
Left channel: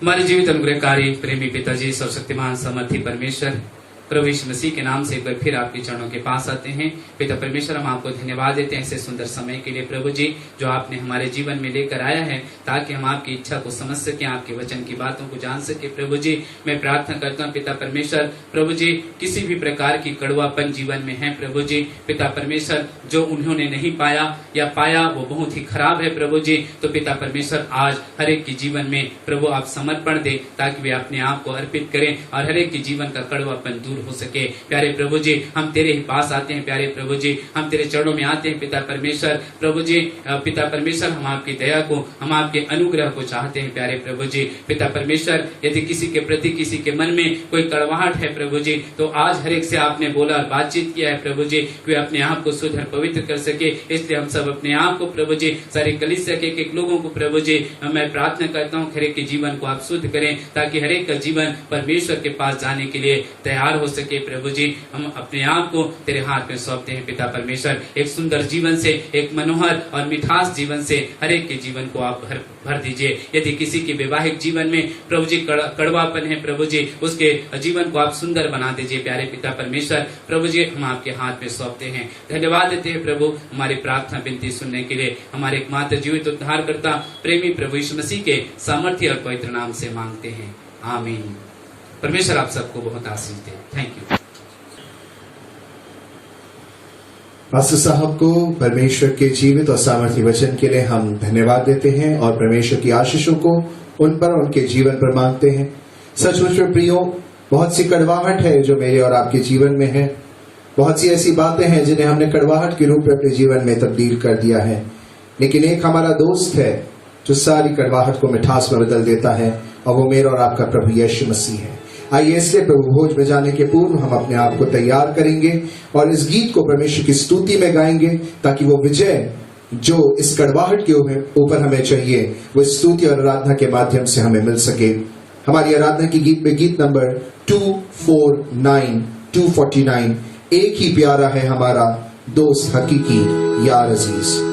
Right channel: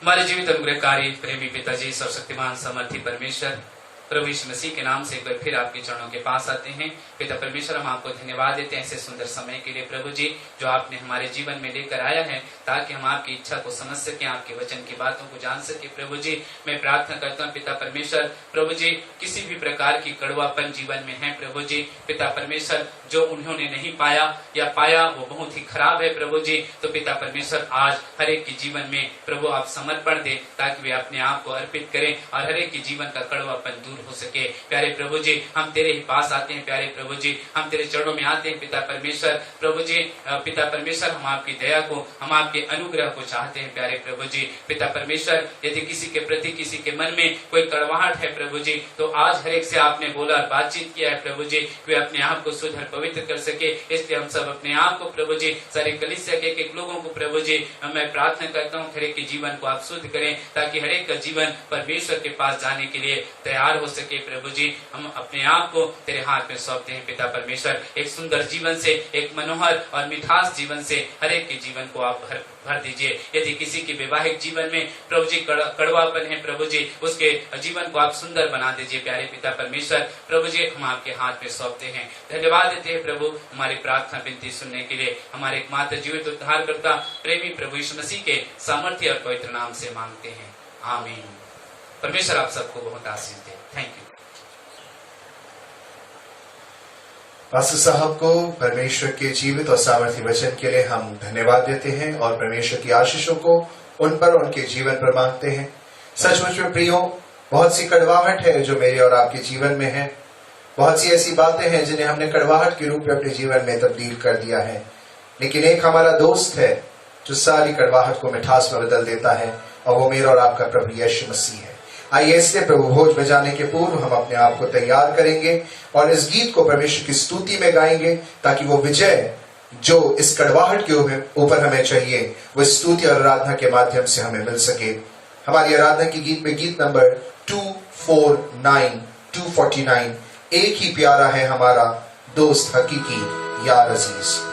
हमारे जीवित अनुग्रहकारी प्रेमी पिताजी, सर्वशक्तिमान सामर्थी परमेश्वर, प्रभु यीशु मसीह के नाम से एक बार फिर आपके चरणों के पास आते हैं। पिता परमेश्वर, हम आपको धन्यवाद देते हैं ऐसे सुंदर समय के लिए प्रभु जी, जो आपने हमारे जीवन में लेकर आया है, ताकि हम आपकी इच्छा को समझ सकें, आपके वचन की बातों को जान सके। प्रभु जी, मैं प्रार्थना करता हूँ पिता परमेश्वर, प्रभु जी, किसी भी प्रकार की कड़वापन जीवन में है प्रभु जी, पिता परमेश्वर, जो उन्होंने नहीं पाया या पाया वो बहुत ही खराब है प्रभु जी, तो पिता परमेश्वर आज हर एक के जीवन में प्रभु आप समर्पण दे, ताकि वे अपने आप को अर्पित करें और हर एक के जीवन का कड़वापन दूर हो सके। प्यारे प्रभु जी, हम तेरे ही पास आते हैं। प्यारे प्रभु जी, हम तेरे चरणों में आते हैं पिता परमेश्वर। प्रभु जी, पिता परमेश्वर, हम आपकी दया को, हम आपके अनुग्रह को चाहते हैं। प्यारे प्रभु जी, पिता परमेश्वर, यदि किसी के प्रति, किसी के मन में कोई कड़वाहट है प्रभु जी, तो आज हर एक से आपने बोला और बातचीत किया है प्रभु जी, वे अपने आप को शुद्ध और पवित्र कर सके। इसलिए हम सब अपने आप को प्रभु जी, सारे कलीसिया के एक लोगों को प्रभु जी, मैं प्रार्थना करता हूँ हर एक के जीवन को आप शुद्ध करें, ताकि हर एक का जीवन परमेश्वर के पास जाने के लिए तैयार हो सके। प्रभु जी, हम अपने आप को तेरे हाथ में सौंपते हैं पिता परमेश्वर। एक सुंदर जीवन से, एक मनोहर और मिठास जीवन से हर एक के जीवन को आप भर दीजिए। यदि किसी के वैवाहिक जीवन में प्रभु जी कड़वापन है प्रभु जी, उसके जीवन को आप सुंदर बना दीजिए। प्यारे पिता परमेश्वर, प्रभु जी, हम आपके हाथ में सौंपते हैं। धन्यवाद देते हैं प्रभु हमारी प्रार्थना विनती सुनने के लिए। हमारे एकमात्र जीवित उद्धारकर्ता प्रेमी प्रभु यीशु मसीह के सामर्थ्य और पवित्र नाम से मांगते हैं, आमीन। परमेश्वर आप सबको बहुत आशीष दे। Thank you. पास्टर साहब को परमेश्वर के जीवित और सामर्थ्य वचन के लिए हम धन्यवाद देते हैं और परमेश्वर की आशीषों को उन पर, उनके जीवन पर मांगते हैं। सचमुच में प्रियो, बहुत सी कड़वाहट है जो मेरे और आपके जीवन में है। बहुत सी ऐसी बातें हैं जिन्हें हमने कड़वाहट के रूप में अपने जीवन में तब्दील कर दिया है, लेकिन एक हमारा दोस्त है जो सारी कड़वाहट को मिठास में बदल देता है, और वो मेरा और आपका प्रभु यीशु मसीह है। आइए इसलिए प्रभु भोज में जाने के पूर्व हम अपने आप को तैयार करेंगे और इस गीत को परमेश्वर की स्तुति में गाएंगे, ताकि वो विजय जो इस कड़वाहट के ऊपर हमें चाहिए वो स्तुति और आराधना के माध्यम से हमें मिल सके। हमारी आराधना की गीत में गीत नंबर 249 एक ही प्यारा है हमारा दोस्त हकीकी यार अजीज।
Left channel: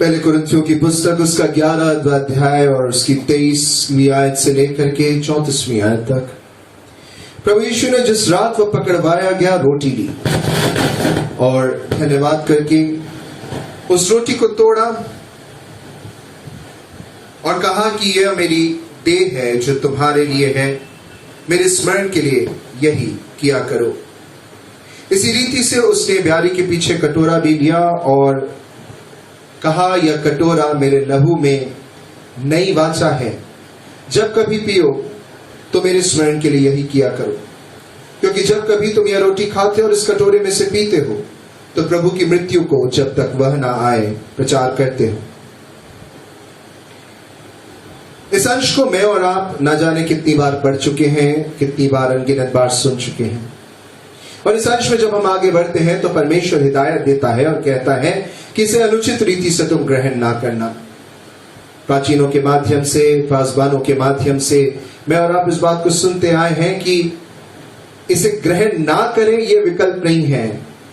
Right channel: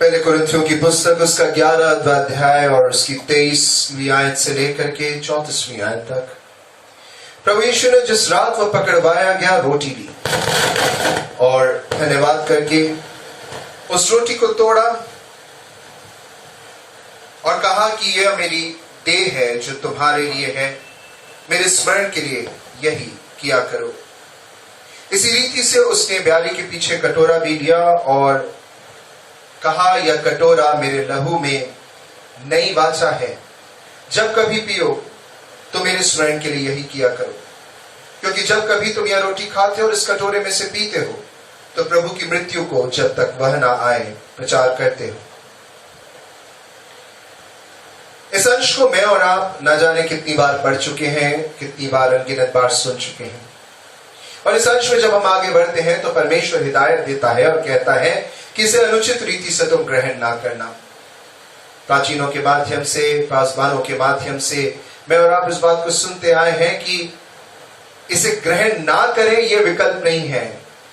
पहले कुरिन्थियों की पुस्तक उसका 11वां अध्याय और उसकी 23वीं आयत से लेकर के 34वीं आयत तक। प्रभु यीशु ने जिस रात वह पकड़वाया गया रोटी ली और धन्यवाद करके उस रोटी को तोड़ा और कहा कि यह मेरी देह है जो तुम्हारे लिए है, मेरे स्मरण के लिए यही किया करो। इसी रीति से उसने ब्यारी के पीछे कटोरा भी लिया और कहा, यह कटोरा मेरे लहू में नई वाचा है, जब कभी पियो तो मेरे स्मरण के लिए यही किया करो। क्योंकि जब कभी तुम यह रोटी खाते और इस कटोरे में से पीते हो तो प्रभु की मृत्यु को जब तक वह ना आए प्रचार करते हो। इस अंश को मैं और आप न जाने कितनी बार पढ़ चुके हैं, कितनी बार अनगिनत बार सुन चुके हैं। और इस अंश में जब हम आगे बढ़ते हैं तो परमेश्वर हिदायत देता है और कहता है कि इसे अनुचित रीति से तुम ग्रहण ना करना। प्राचीनों के माध्यम से, पासवानों के माध्यम से मैं और आप इस बात को सुनते आए हैं कि इसे ग्रहण ना करें यह विकल्प नहीं है,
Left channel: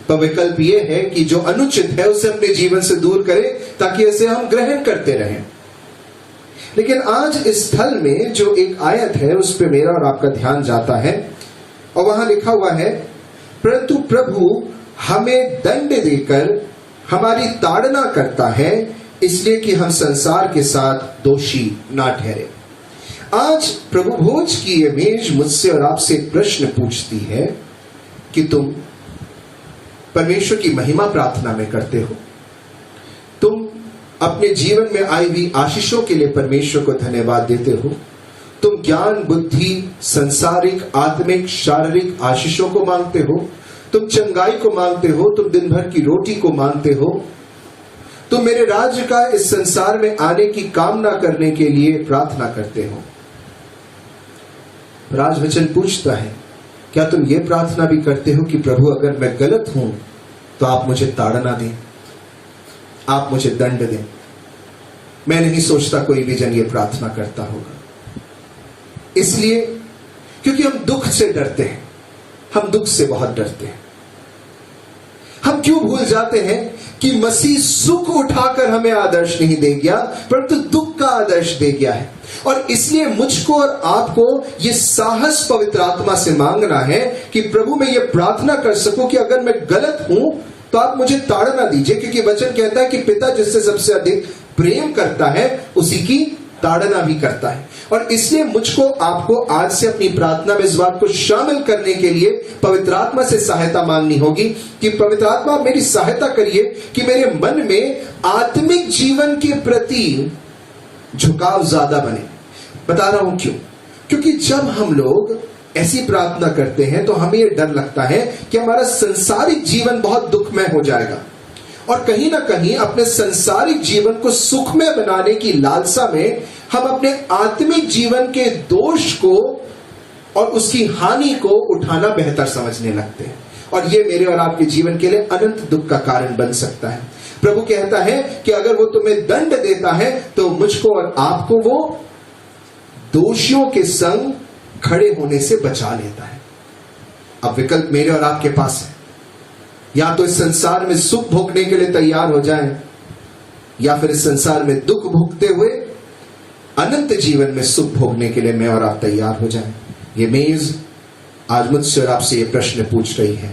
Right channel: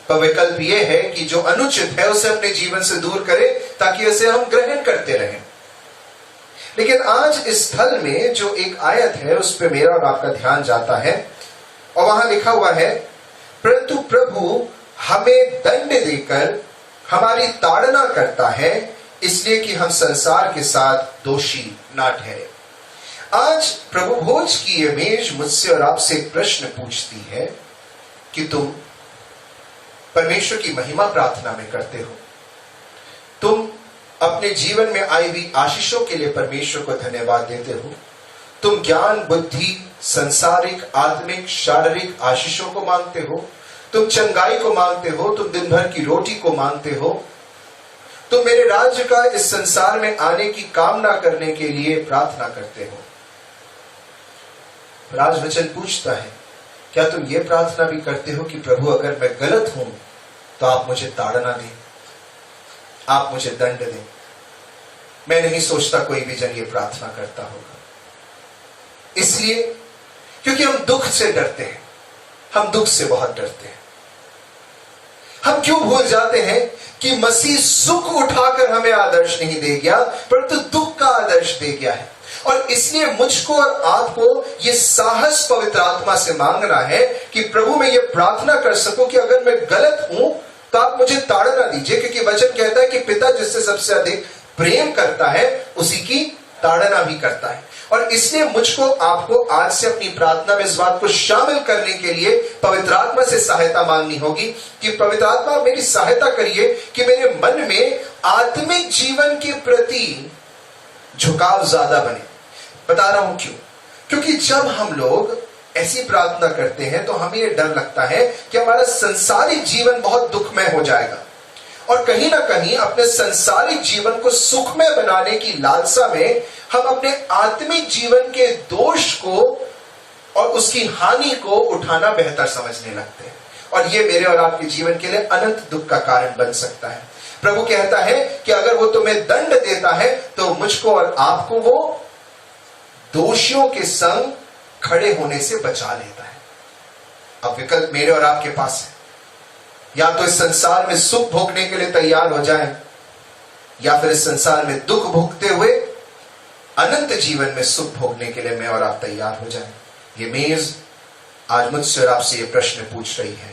पर विकल्प यह है कि जो अनुचित है उसे अपने जीवन से दूर करें ताकि इसे हम ग्रहण करते रहें। लेकिन आज इस स्थल में जो एक आयत है उस पर मेरा और आपका ध्यान जाता है और वहां लिखा हुआ है, परंतु प्रभु हमें दंड देकर हमारी ताड़ना करता है इसलिए कि हम संसार के साथ दोषी ना ठहरे। आज प्रभु भोज की यह मेज मुझसे और आपसे एक प्रश्न पूछती है कि तुम परमेश्वर की महिमा प्रार्थना में करते हो, तुम अपने जीवन में आई हुई आशीषों के लिए परमेश्वर को धन्यवाद देते हो, तुम ज्ञान, बुद्धि, संसारिक, आत्मिक, शारीरिक आशीषों को मांगते हो, तुम चंगाई को मांगते हो, तुम दिन भर की रोटी को मांगते हो, तुम मेरे राज्य का इस संसार में आने की कामना करने के लिए प्रार्थना करते हो। राजवचन पूछता है, क्या तुम ये प्रार्थना भी करते हो कि प्रभु अगर मैं गलत हूं तो आप मुझे ताड़ना दें, आप मुझे दंड दें। मैं नहीं सोचता कोई भी जन ये प्रार्थना करता होगा, इसलिए क्योंकि हम दुख से डरते हैं, हम दुख से बहुत डरते हैं। हम क्यों भूल जाते हैं कि मसीह सुख उठाकर हमें आदर्श नहीं दे गया परंतु दुख का आदर्श दे गया है। और इसलिए मुझको और आपको ये साहस पवित्र आत्मा से मांगना है कि प्रभु मैं ये प्रार्थना कर सकूं कि अगर मैं गलत हूं तो आप मुझे ताड़ना दीजिए, क्योंकि वचन कहता है कि पिता जिससे सबसे अधिक प्रेम करता है उसी की ताड़ना भी करता है। और इसलिए मुझको आपको आज से अपनी प्रार्थना में इस बात को शामिल करने के लिए पवित्र आत्मा से सहायता मांगनी होगी कि पवित्र आत्मा मेरी सहायता करिए कि मेरे मन में आत्मिक जीवन के प्रति झुकाव ज्यादा बने। बता रहा हूं क्यों? क्योंकि जब हम लोग ऐसी प्रार्थना करते हैं तो हमें यह डर लगता है कि हमारा संसारिक जीवन बहुत दुखमय हो जाएगा और कहीं ना कहीं अपने संसारिक जीवन को सुखमय बनाने की लालसा में हम अपने आत्मिक जीवन के दोष को और उसकी हानि को उठाना बेहतर समझने लगते हैं, और यह मेरे और आपके जीवन के लिए अनंत दुख का कारण बन सकता है। प्रभु कहता है कि अगर वो तुम्हें दंड देता है तो मुझको और आपको वो दोषियों के संग खड़े होने से बचा लेता है। अब विकल्प मेरे और आपके पास है, या तो इस संसार में सुख भोगने के लिए तैयार हो जाएं, या फिर इस संसार में दुख भोगते हुए अनंत जीवन में सुख भोगने के लिए मैं और आप तैयार हो जाएं। ये मेज आज मुझसे और आपसे ये प्रश्न पूछ रही है।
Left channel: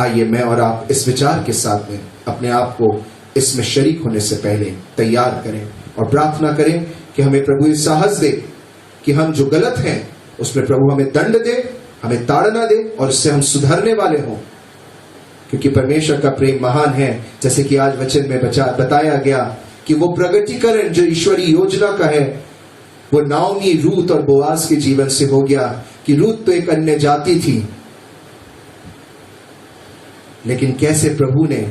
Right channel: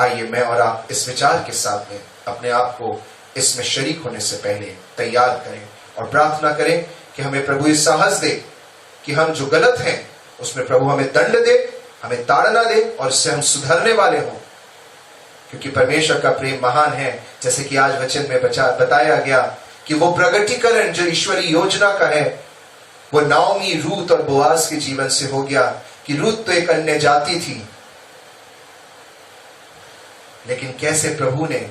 आइए मैं और आप इस विचार के साथ में अपने आप को इसमें शरीक होने से पहले तैयार करें और प्रार्थना करें कि हमें प्रभु ये साहस दे कि हम जो गलत हैं उसमें प्रभु हमें दंड दे, हमें ताड़ना दे और इससे हम सुधरने वाले हों, क्योंकि परमेश्वर का प्रेम महान है। जैसे कि आज वचन में बताया गया कि वो प्रगटीकरण जो ईश्वरीय योजना का है वो नाओमी, रूत और बोआज के जीवन से हो गया कि रूत तो एक अन्य जाति थी, लेकिन कैसे प्रभु ने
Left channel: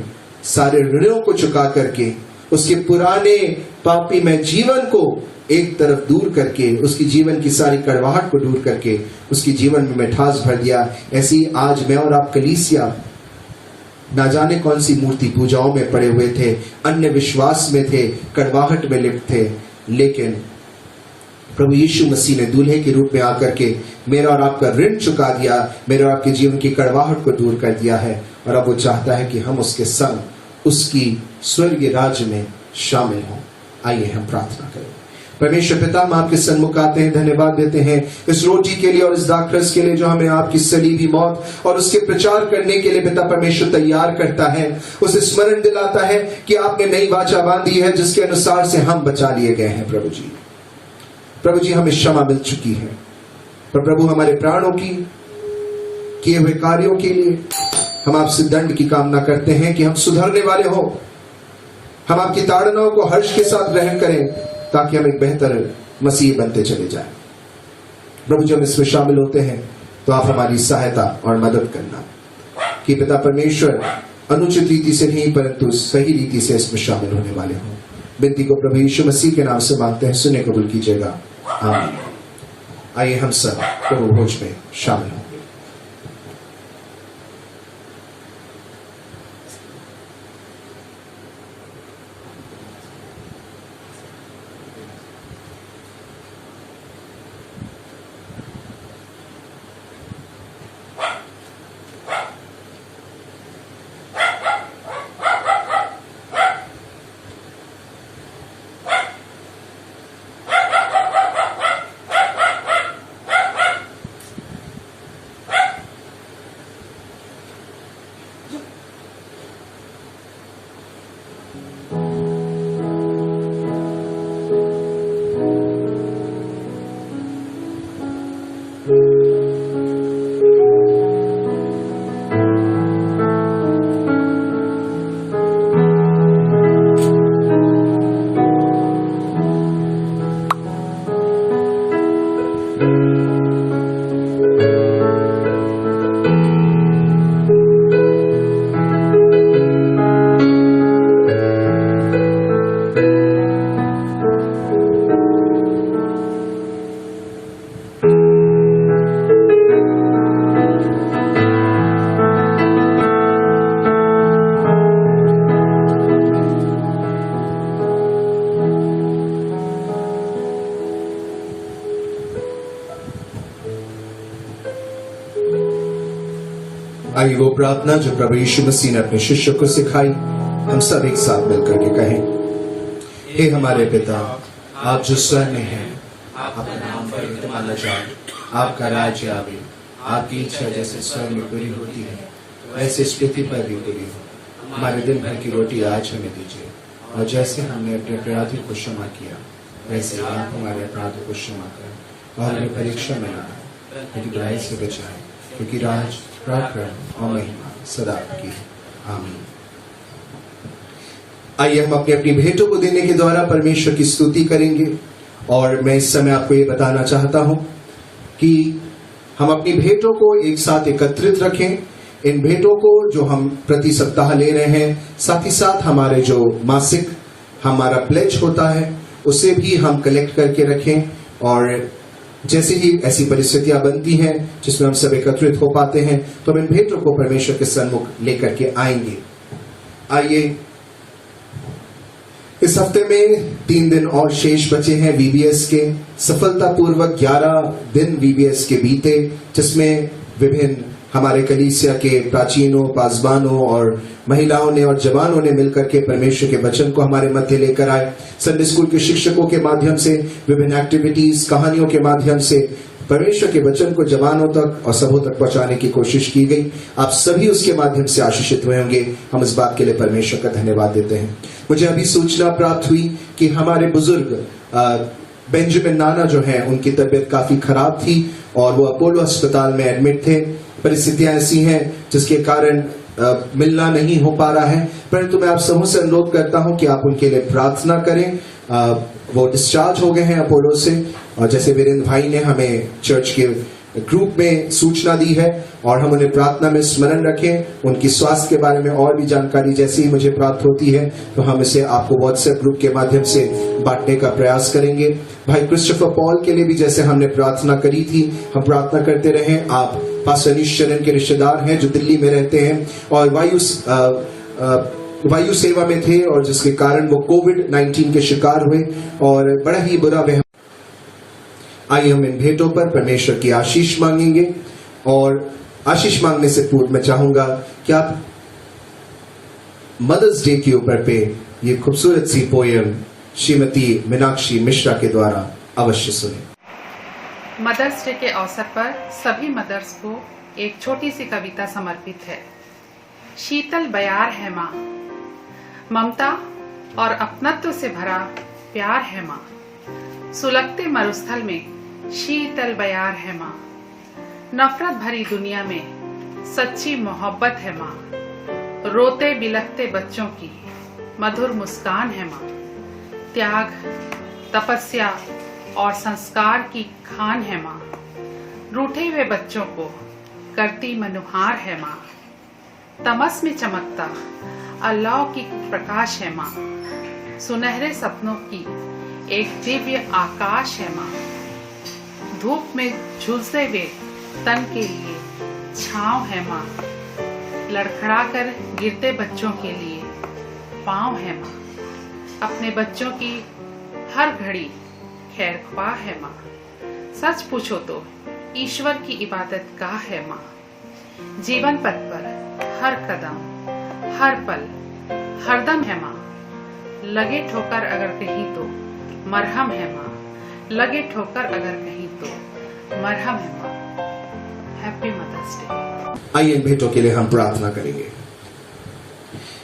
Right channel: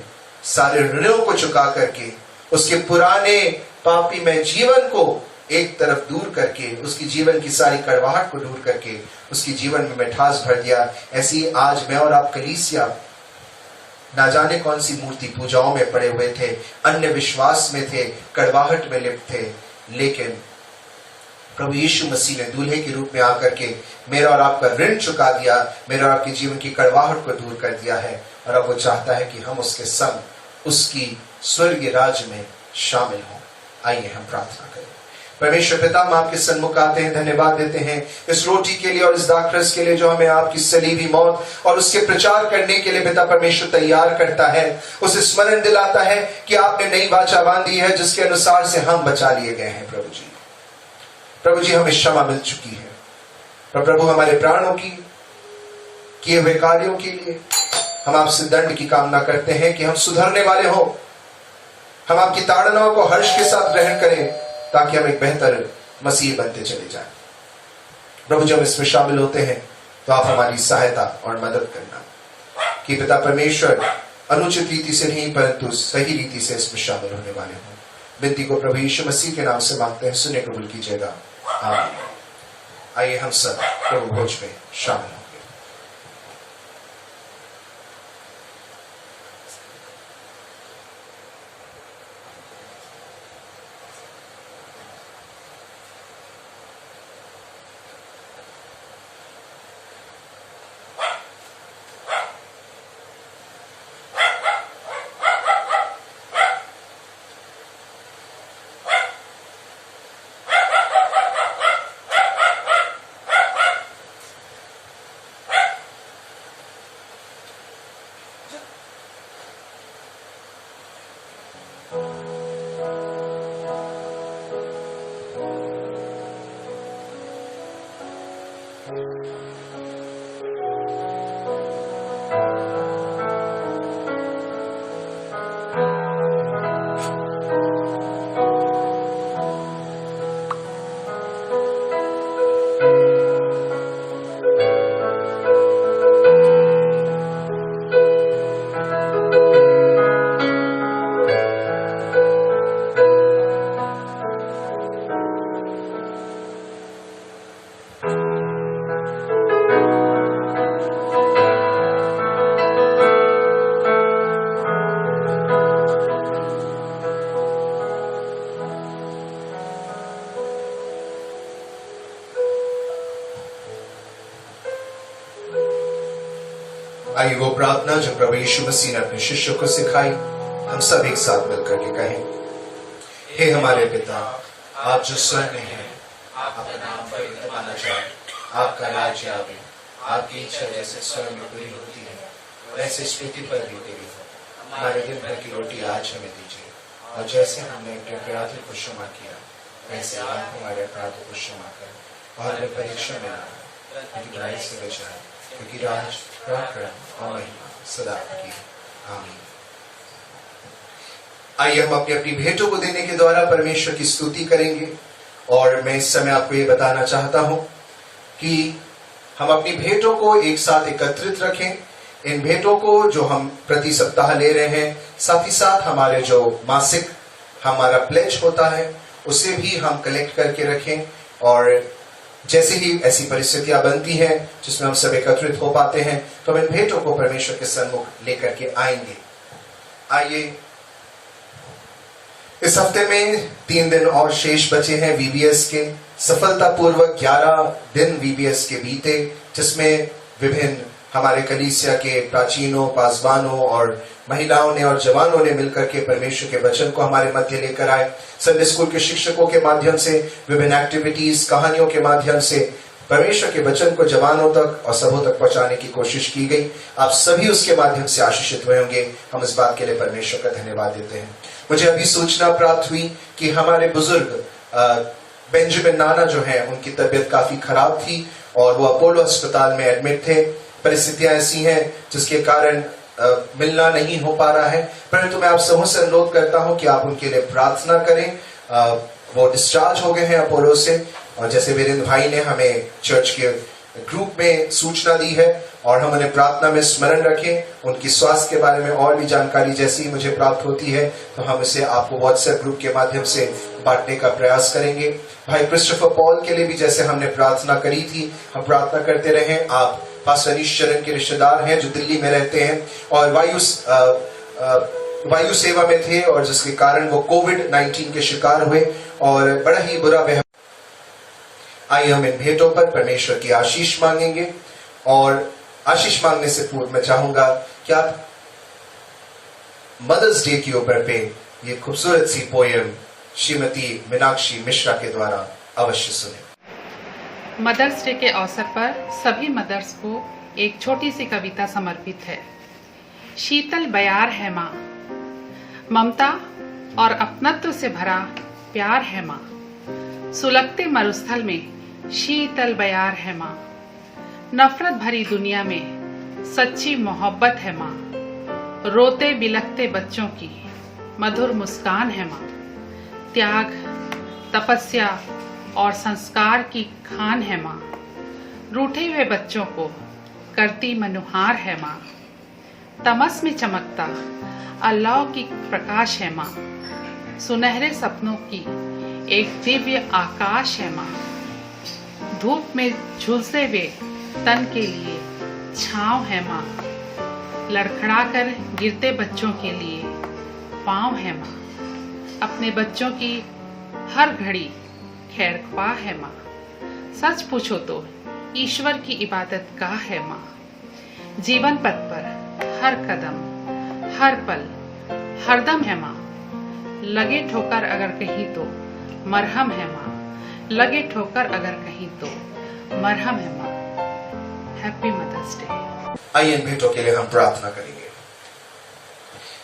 सारे ऋणों को चुका करके उसके पुराने पापी में जीवन को एक तरफ दूर करके, उसकी जीवन की सारी कड़वाहट को दूर करके उसकी जीवन में मिठास भर दिया। ऐसे ही आज मैं और आप कलीसिया ना जाने कौन सी मूर्ति पूजाओं में पड़े हुए थे, अन्य विश्वास में थे, कड़वाहट में लिप्त थे, लेकिन प्रभु यीशु मसीह ने दूल्हे के रूप में आकर के मेरा और आपका ऋण चुका दिया, मेरा और आपके जीवन की कड़वाहट को दूर कर दिया है, और अब वो चाहता है कि हम उसके संग उसकी स्वर्गीय राज्य में शामिल हों। आइए हम प्रार्थना करें। परमेश्वर पिता, हम आपके सन्मुख आते हैं, धन्यवाद देते हैं इस रोटी के लिए और इस दाखरस के लिए जो हमें आपकी सलीबी मौत और उसके प्रचार करने के लिए पिता परमेश्वर तैयार करता है, उसे स्मरण दिलाता है कि आपने नई वाचा बांधी है जिसके अनुसार से हम बचा लिए गए हैं। प्रभु जी हमें क्षमा मिल चुकी है, पर प्रभु हमारे प्राणों की किए हुए कार्यों के लिए हम आपसे दंड की कामना करते हैं कि हम सुधरने वाले हो, हम आपकी ताड़नाओं को हर्ष के साथ ग्रहण करें ताकि हम एक बेहतर मसीह बनते चले जाएं। प्रभु जब इसमें शामिल होते हैं तो आप हमारी सहायता और मदद करना कि पिता परमेश्वर अनुचित रीति से नहीं परंतु सही रीति से इसमें शामिल होने वाले हों। विनती को प्रभु यीशु मसीह के नाम से मांगते हैं, सुने कबूल कीजिएगा, आमीन। आइए हम सब प्रभु भोज में शामिल हों। आइए वो प्रार्थना जो प्रभु यीशु मसीह ने अपने शिष्यों को सिखाई, हम सब एक साथ मिलकर के कहें। हे हमारे पिता, आप जो स्वर्ग में हैं, आपका नाम पवित्र माना जाए, आपका राज्य आवे, आपकी इच्छा जैसे स्वर्ग में पूरी होती है वैसे इस पृथ्वी पर भी पूरी हो। हमारे दिन भर की रोटी आज हमें दीजिए, और जैसे हमने अपने अपराधी को क्षमा किया वैसे आप हमारे अपराधों को क्षमा करें, और हमें परीक्षा में ना लेकिन बुराई से बचाएं, क्योंकि राज, पराक्रम और महिमा सदा आपकी है। आमीन। आइए हम अपनी अपनी भेंटों को देने के द्वारा परमेश्वर की स्तुति करेंगे। और मैं इस समय आपको ये बताना चाहता हूं कि हम अपनी भेंटों को एक साथ एकत्रित रखें। इन भेंटों को जो हम प्रति सप्ताह ले रहे हैं, साथ ही साथ हमारे जो मासिक हमारा प्लेज होता है उसे भी हम कलेक्ट करके रखें। और जैसे ही ऐसी परिस्थितियां बनती हैं जिसमें हम सब एकत्रित हो पाते हैं तो हम इन भेंटों को परमेश्वर के सन्मुख लेकर के आएंगे। आइए, इस हफ्ते में 3 दिन और शेष बचे हैं वीबीएस के। सफलतापूर्वक 11 दिन वीबीएस के बीते, जिसमें विभिन्न हमारे कलीसिया के प्राचीनों, पासबानों और महिलाओं ने और जवानों ने मिलकर के परमेश्वर के वचन को हमारे मध्य लेकर आए। संडे स्कूल के शिक्षकों के माध्यम से, विभिन्न एक्टिविटीज, कहानियों के माध्यम से परमेश्वर के वचन को जवानों तक और सबों तक पहुंचाने की कोशिश की गई। आप सभी उसके माध्यम से आशीषित हुए होंगे। हम इस बात के लिए परमेश्वर का धन्यवाद देते हैं। मुझे अभी सूचना प्राप्त हुई कि हमारे बुजुर्ग बेंजामिन नाना जो हैं, उनकी तबीयत काफी खराब थी और वो अपोलो अस्पताल में एडमिट थे। परिस्थितियां ऐसी हैं जिसके कारण मिलना नहीं हो पा रहा है, परंतु मैं आप सबों से अनुरोध करता हूं कि आप उनके लिए प्रार्थना करें। वो डिस्चार्ज हो गए हैं अपोलो से, और जैसे वीरेंद्र भाई ने हमें चर्च के ग्रुप में सूचना दी है, और हम उन्हें प्रार्थना में स्मरण रखें। उनकी स्वास्थ्य के बारे में और भी जानकारी जैसी ही मुझे प्राप्त होती है तो हम इसे आपको व्हाट्सएप ग्रुप के माध्यम से बांटने का प्रयास करेंगे। भाई क्रिस्टोफर पॉल के लिए भी जैसे हमने प्रार्थना करी थी, हम प्रार्थना करते रहें। आप पास्टर अनीश चरण के रिश्तेदार हैं जो दिल्ली में रहते हैं और वायु सेवा में थे, और जिसके कारण वो कोविड-19 के शिकार हुए और बड़ा ही बुरा व्यवहार। आइए हम इन भेंटों पर परमेश्वर की आशीष मांगेंगे। और आशीष मांगने से पूर्व मैं चाहूंगा कि आप मदर्स डे के ऊपर पे ये खूबसूरत सी पोयम श्रीमती मीनाक्षी मिश्रा के द्वारा अवश्य सुने। मदर्स डे के अवसर पर सभी मदर्स को एक छोटी सी कविता समर्पित है। शीतल बयार है माँ, ममता और अपनत्व से भरा प्यार है माँ। सुलगते मरुस्थल में शीतल बयार है माँ। नफरत भरी दुनिया में सच्ची मोहब्बत है माँ। रोते बिलखते बच्चों की मधुर मुस्कान है माँ। त्याग, तपस्या और संस्कार की खान है माँ। रूठे हुए बच्चों को करती मनुहार है माँ। तमस में चमकता अलौकिक प्रकाश है माँ। सुनहरे सपनों की एक दिव्य आकाश है माँ। धूप में झुलसे हुए तन के लिए छांव है माँ। लड़खड़ाकर गिरते बच्चों के लिए पांव है माँ। अपने बच्चों की हर घड़ी खैर ख्वाह है माँ। सच पूछो तो ईश्वर की इबादत गाह है माँ। जीवन पथ पर हर कदम, हर पल, हरदम है माँ। लगे ठोकर अगर कहीं तो मरहम है माँ। लगे ठोकर अगर कहीं तो मरहम है माँ। Happy mother's day. आइए इन भेंटों के लिए हम प्रार्थना करेंगे।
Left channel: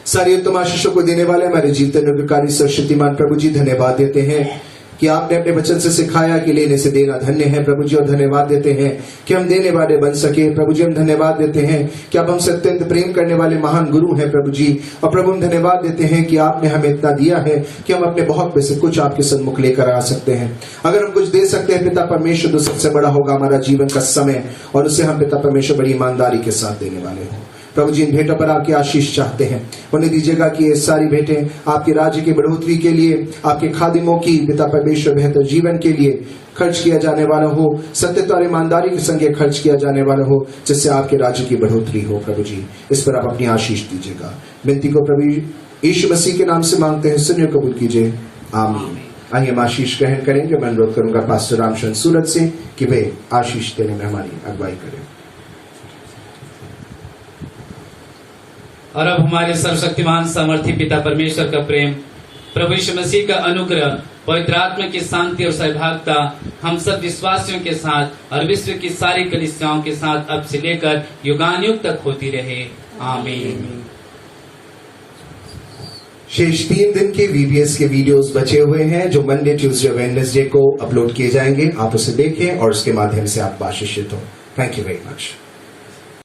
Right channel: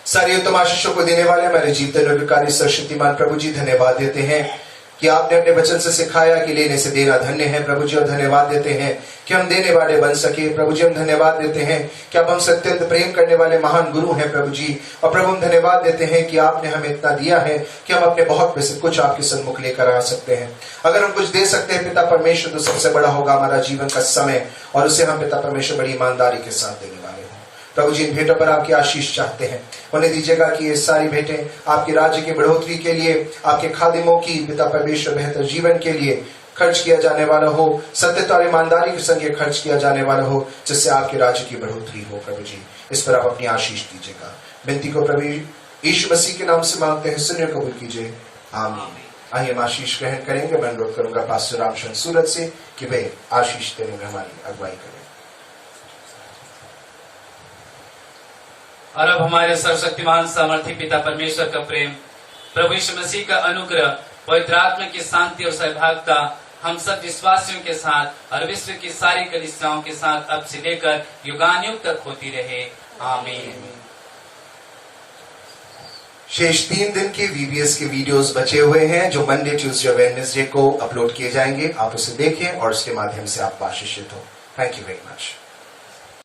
सारे उत्तम आशीषों को देने वाले हमारे जीवते अनुग्रहकारी सर्वशक्तिमान प्रभु जी, धन्यवाद देते हैं कि आपने अपने वचन से सिखाया कि लेने से देना धन्य है प्रभु जी, और धन्यवाद देते हैं कि हम देने वाले बन सके प्रभु जी। हम धन्यवाद देते हैं कि आप हमसे अत्यंत प्रेम करने वाले महान गुरु हैं प्रभु जी, और प्रभु हम धन्यवाद देते हैं कि आपने हमें इतना दिया है कि हम अपने बहुत में से कुछ आपके सन्मुख लेकर आ सकते हैं। अगर हम कुछ दे सकते हैं पिता परमेश्वर, तो सबसे बड़ा होगा हमारा जीवन का समय, और उसे हम पिता परमेश्वर बड़ी ईमानदारी के साथ देने वाले हैं। प्रभु जी, इन भेंटों पर आपकी आशीष चाहते हैं। उन्हें दीजिएगा कि ये सारी भेंटें आपके राज्य की बढ़ोतरी के लिए, आपके खादिमों की पिता परमेश्वर बेहतर जीवन के लिए खर्च किया जाने वाला हो, सत्यता और ईमानदारी के संग खर्च किया जाने वाला हो, जिससे आपके राज्य की बढ़ोतरी हो। प्रभु जी, इस पर आप अपनी आशीष दीजिएगा। विनती को प्रभु यीशु मसीह के नाम से मांगते हैं, सुनिए कबूल कीजिए, आमीन। आइए हम आशीष ग्रहण करेंगे। मैं अनुरोध करूंगा पास्टर रामचंद्र सूरत से कि वे आशीष देने में हमारी अगुवाई करें। और अब हमारे सर्वशक्तिमान सामर्थी पिता परमेश्वर का प्रेम, प्रभु यीशु मसीह का अनुग्रह, पवित्र आत्मा की शांति और सहभागिता हम सब विश्वासियों के साथ और विश्व की सारी कलीसियाओं के साथ अब से लेकर युगानुयुग तक होती रहे। आमीन। शेष 3 दिन के VBS के वीडियोस बचे हुए हैं जो मंडे, ट्यूसडे और वेडनेसडे को अपलोड किए जाएंगे। आप उसे देखें और उसके माध्यम से आप आशीषित हो। Thank you very much.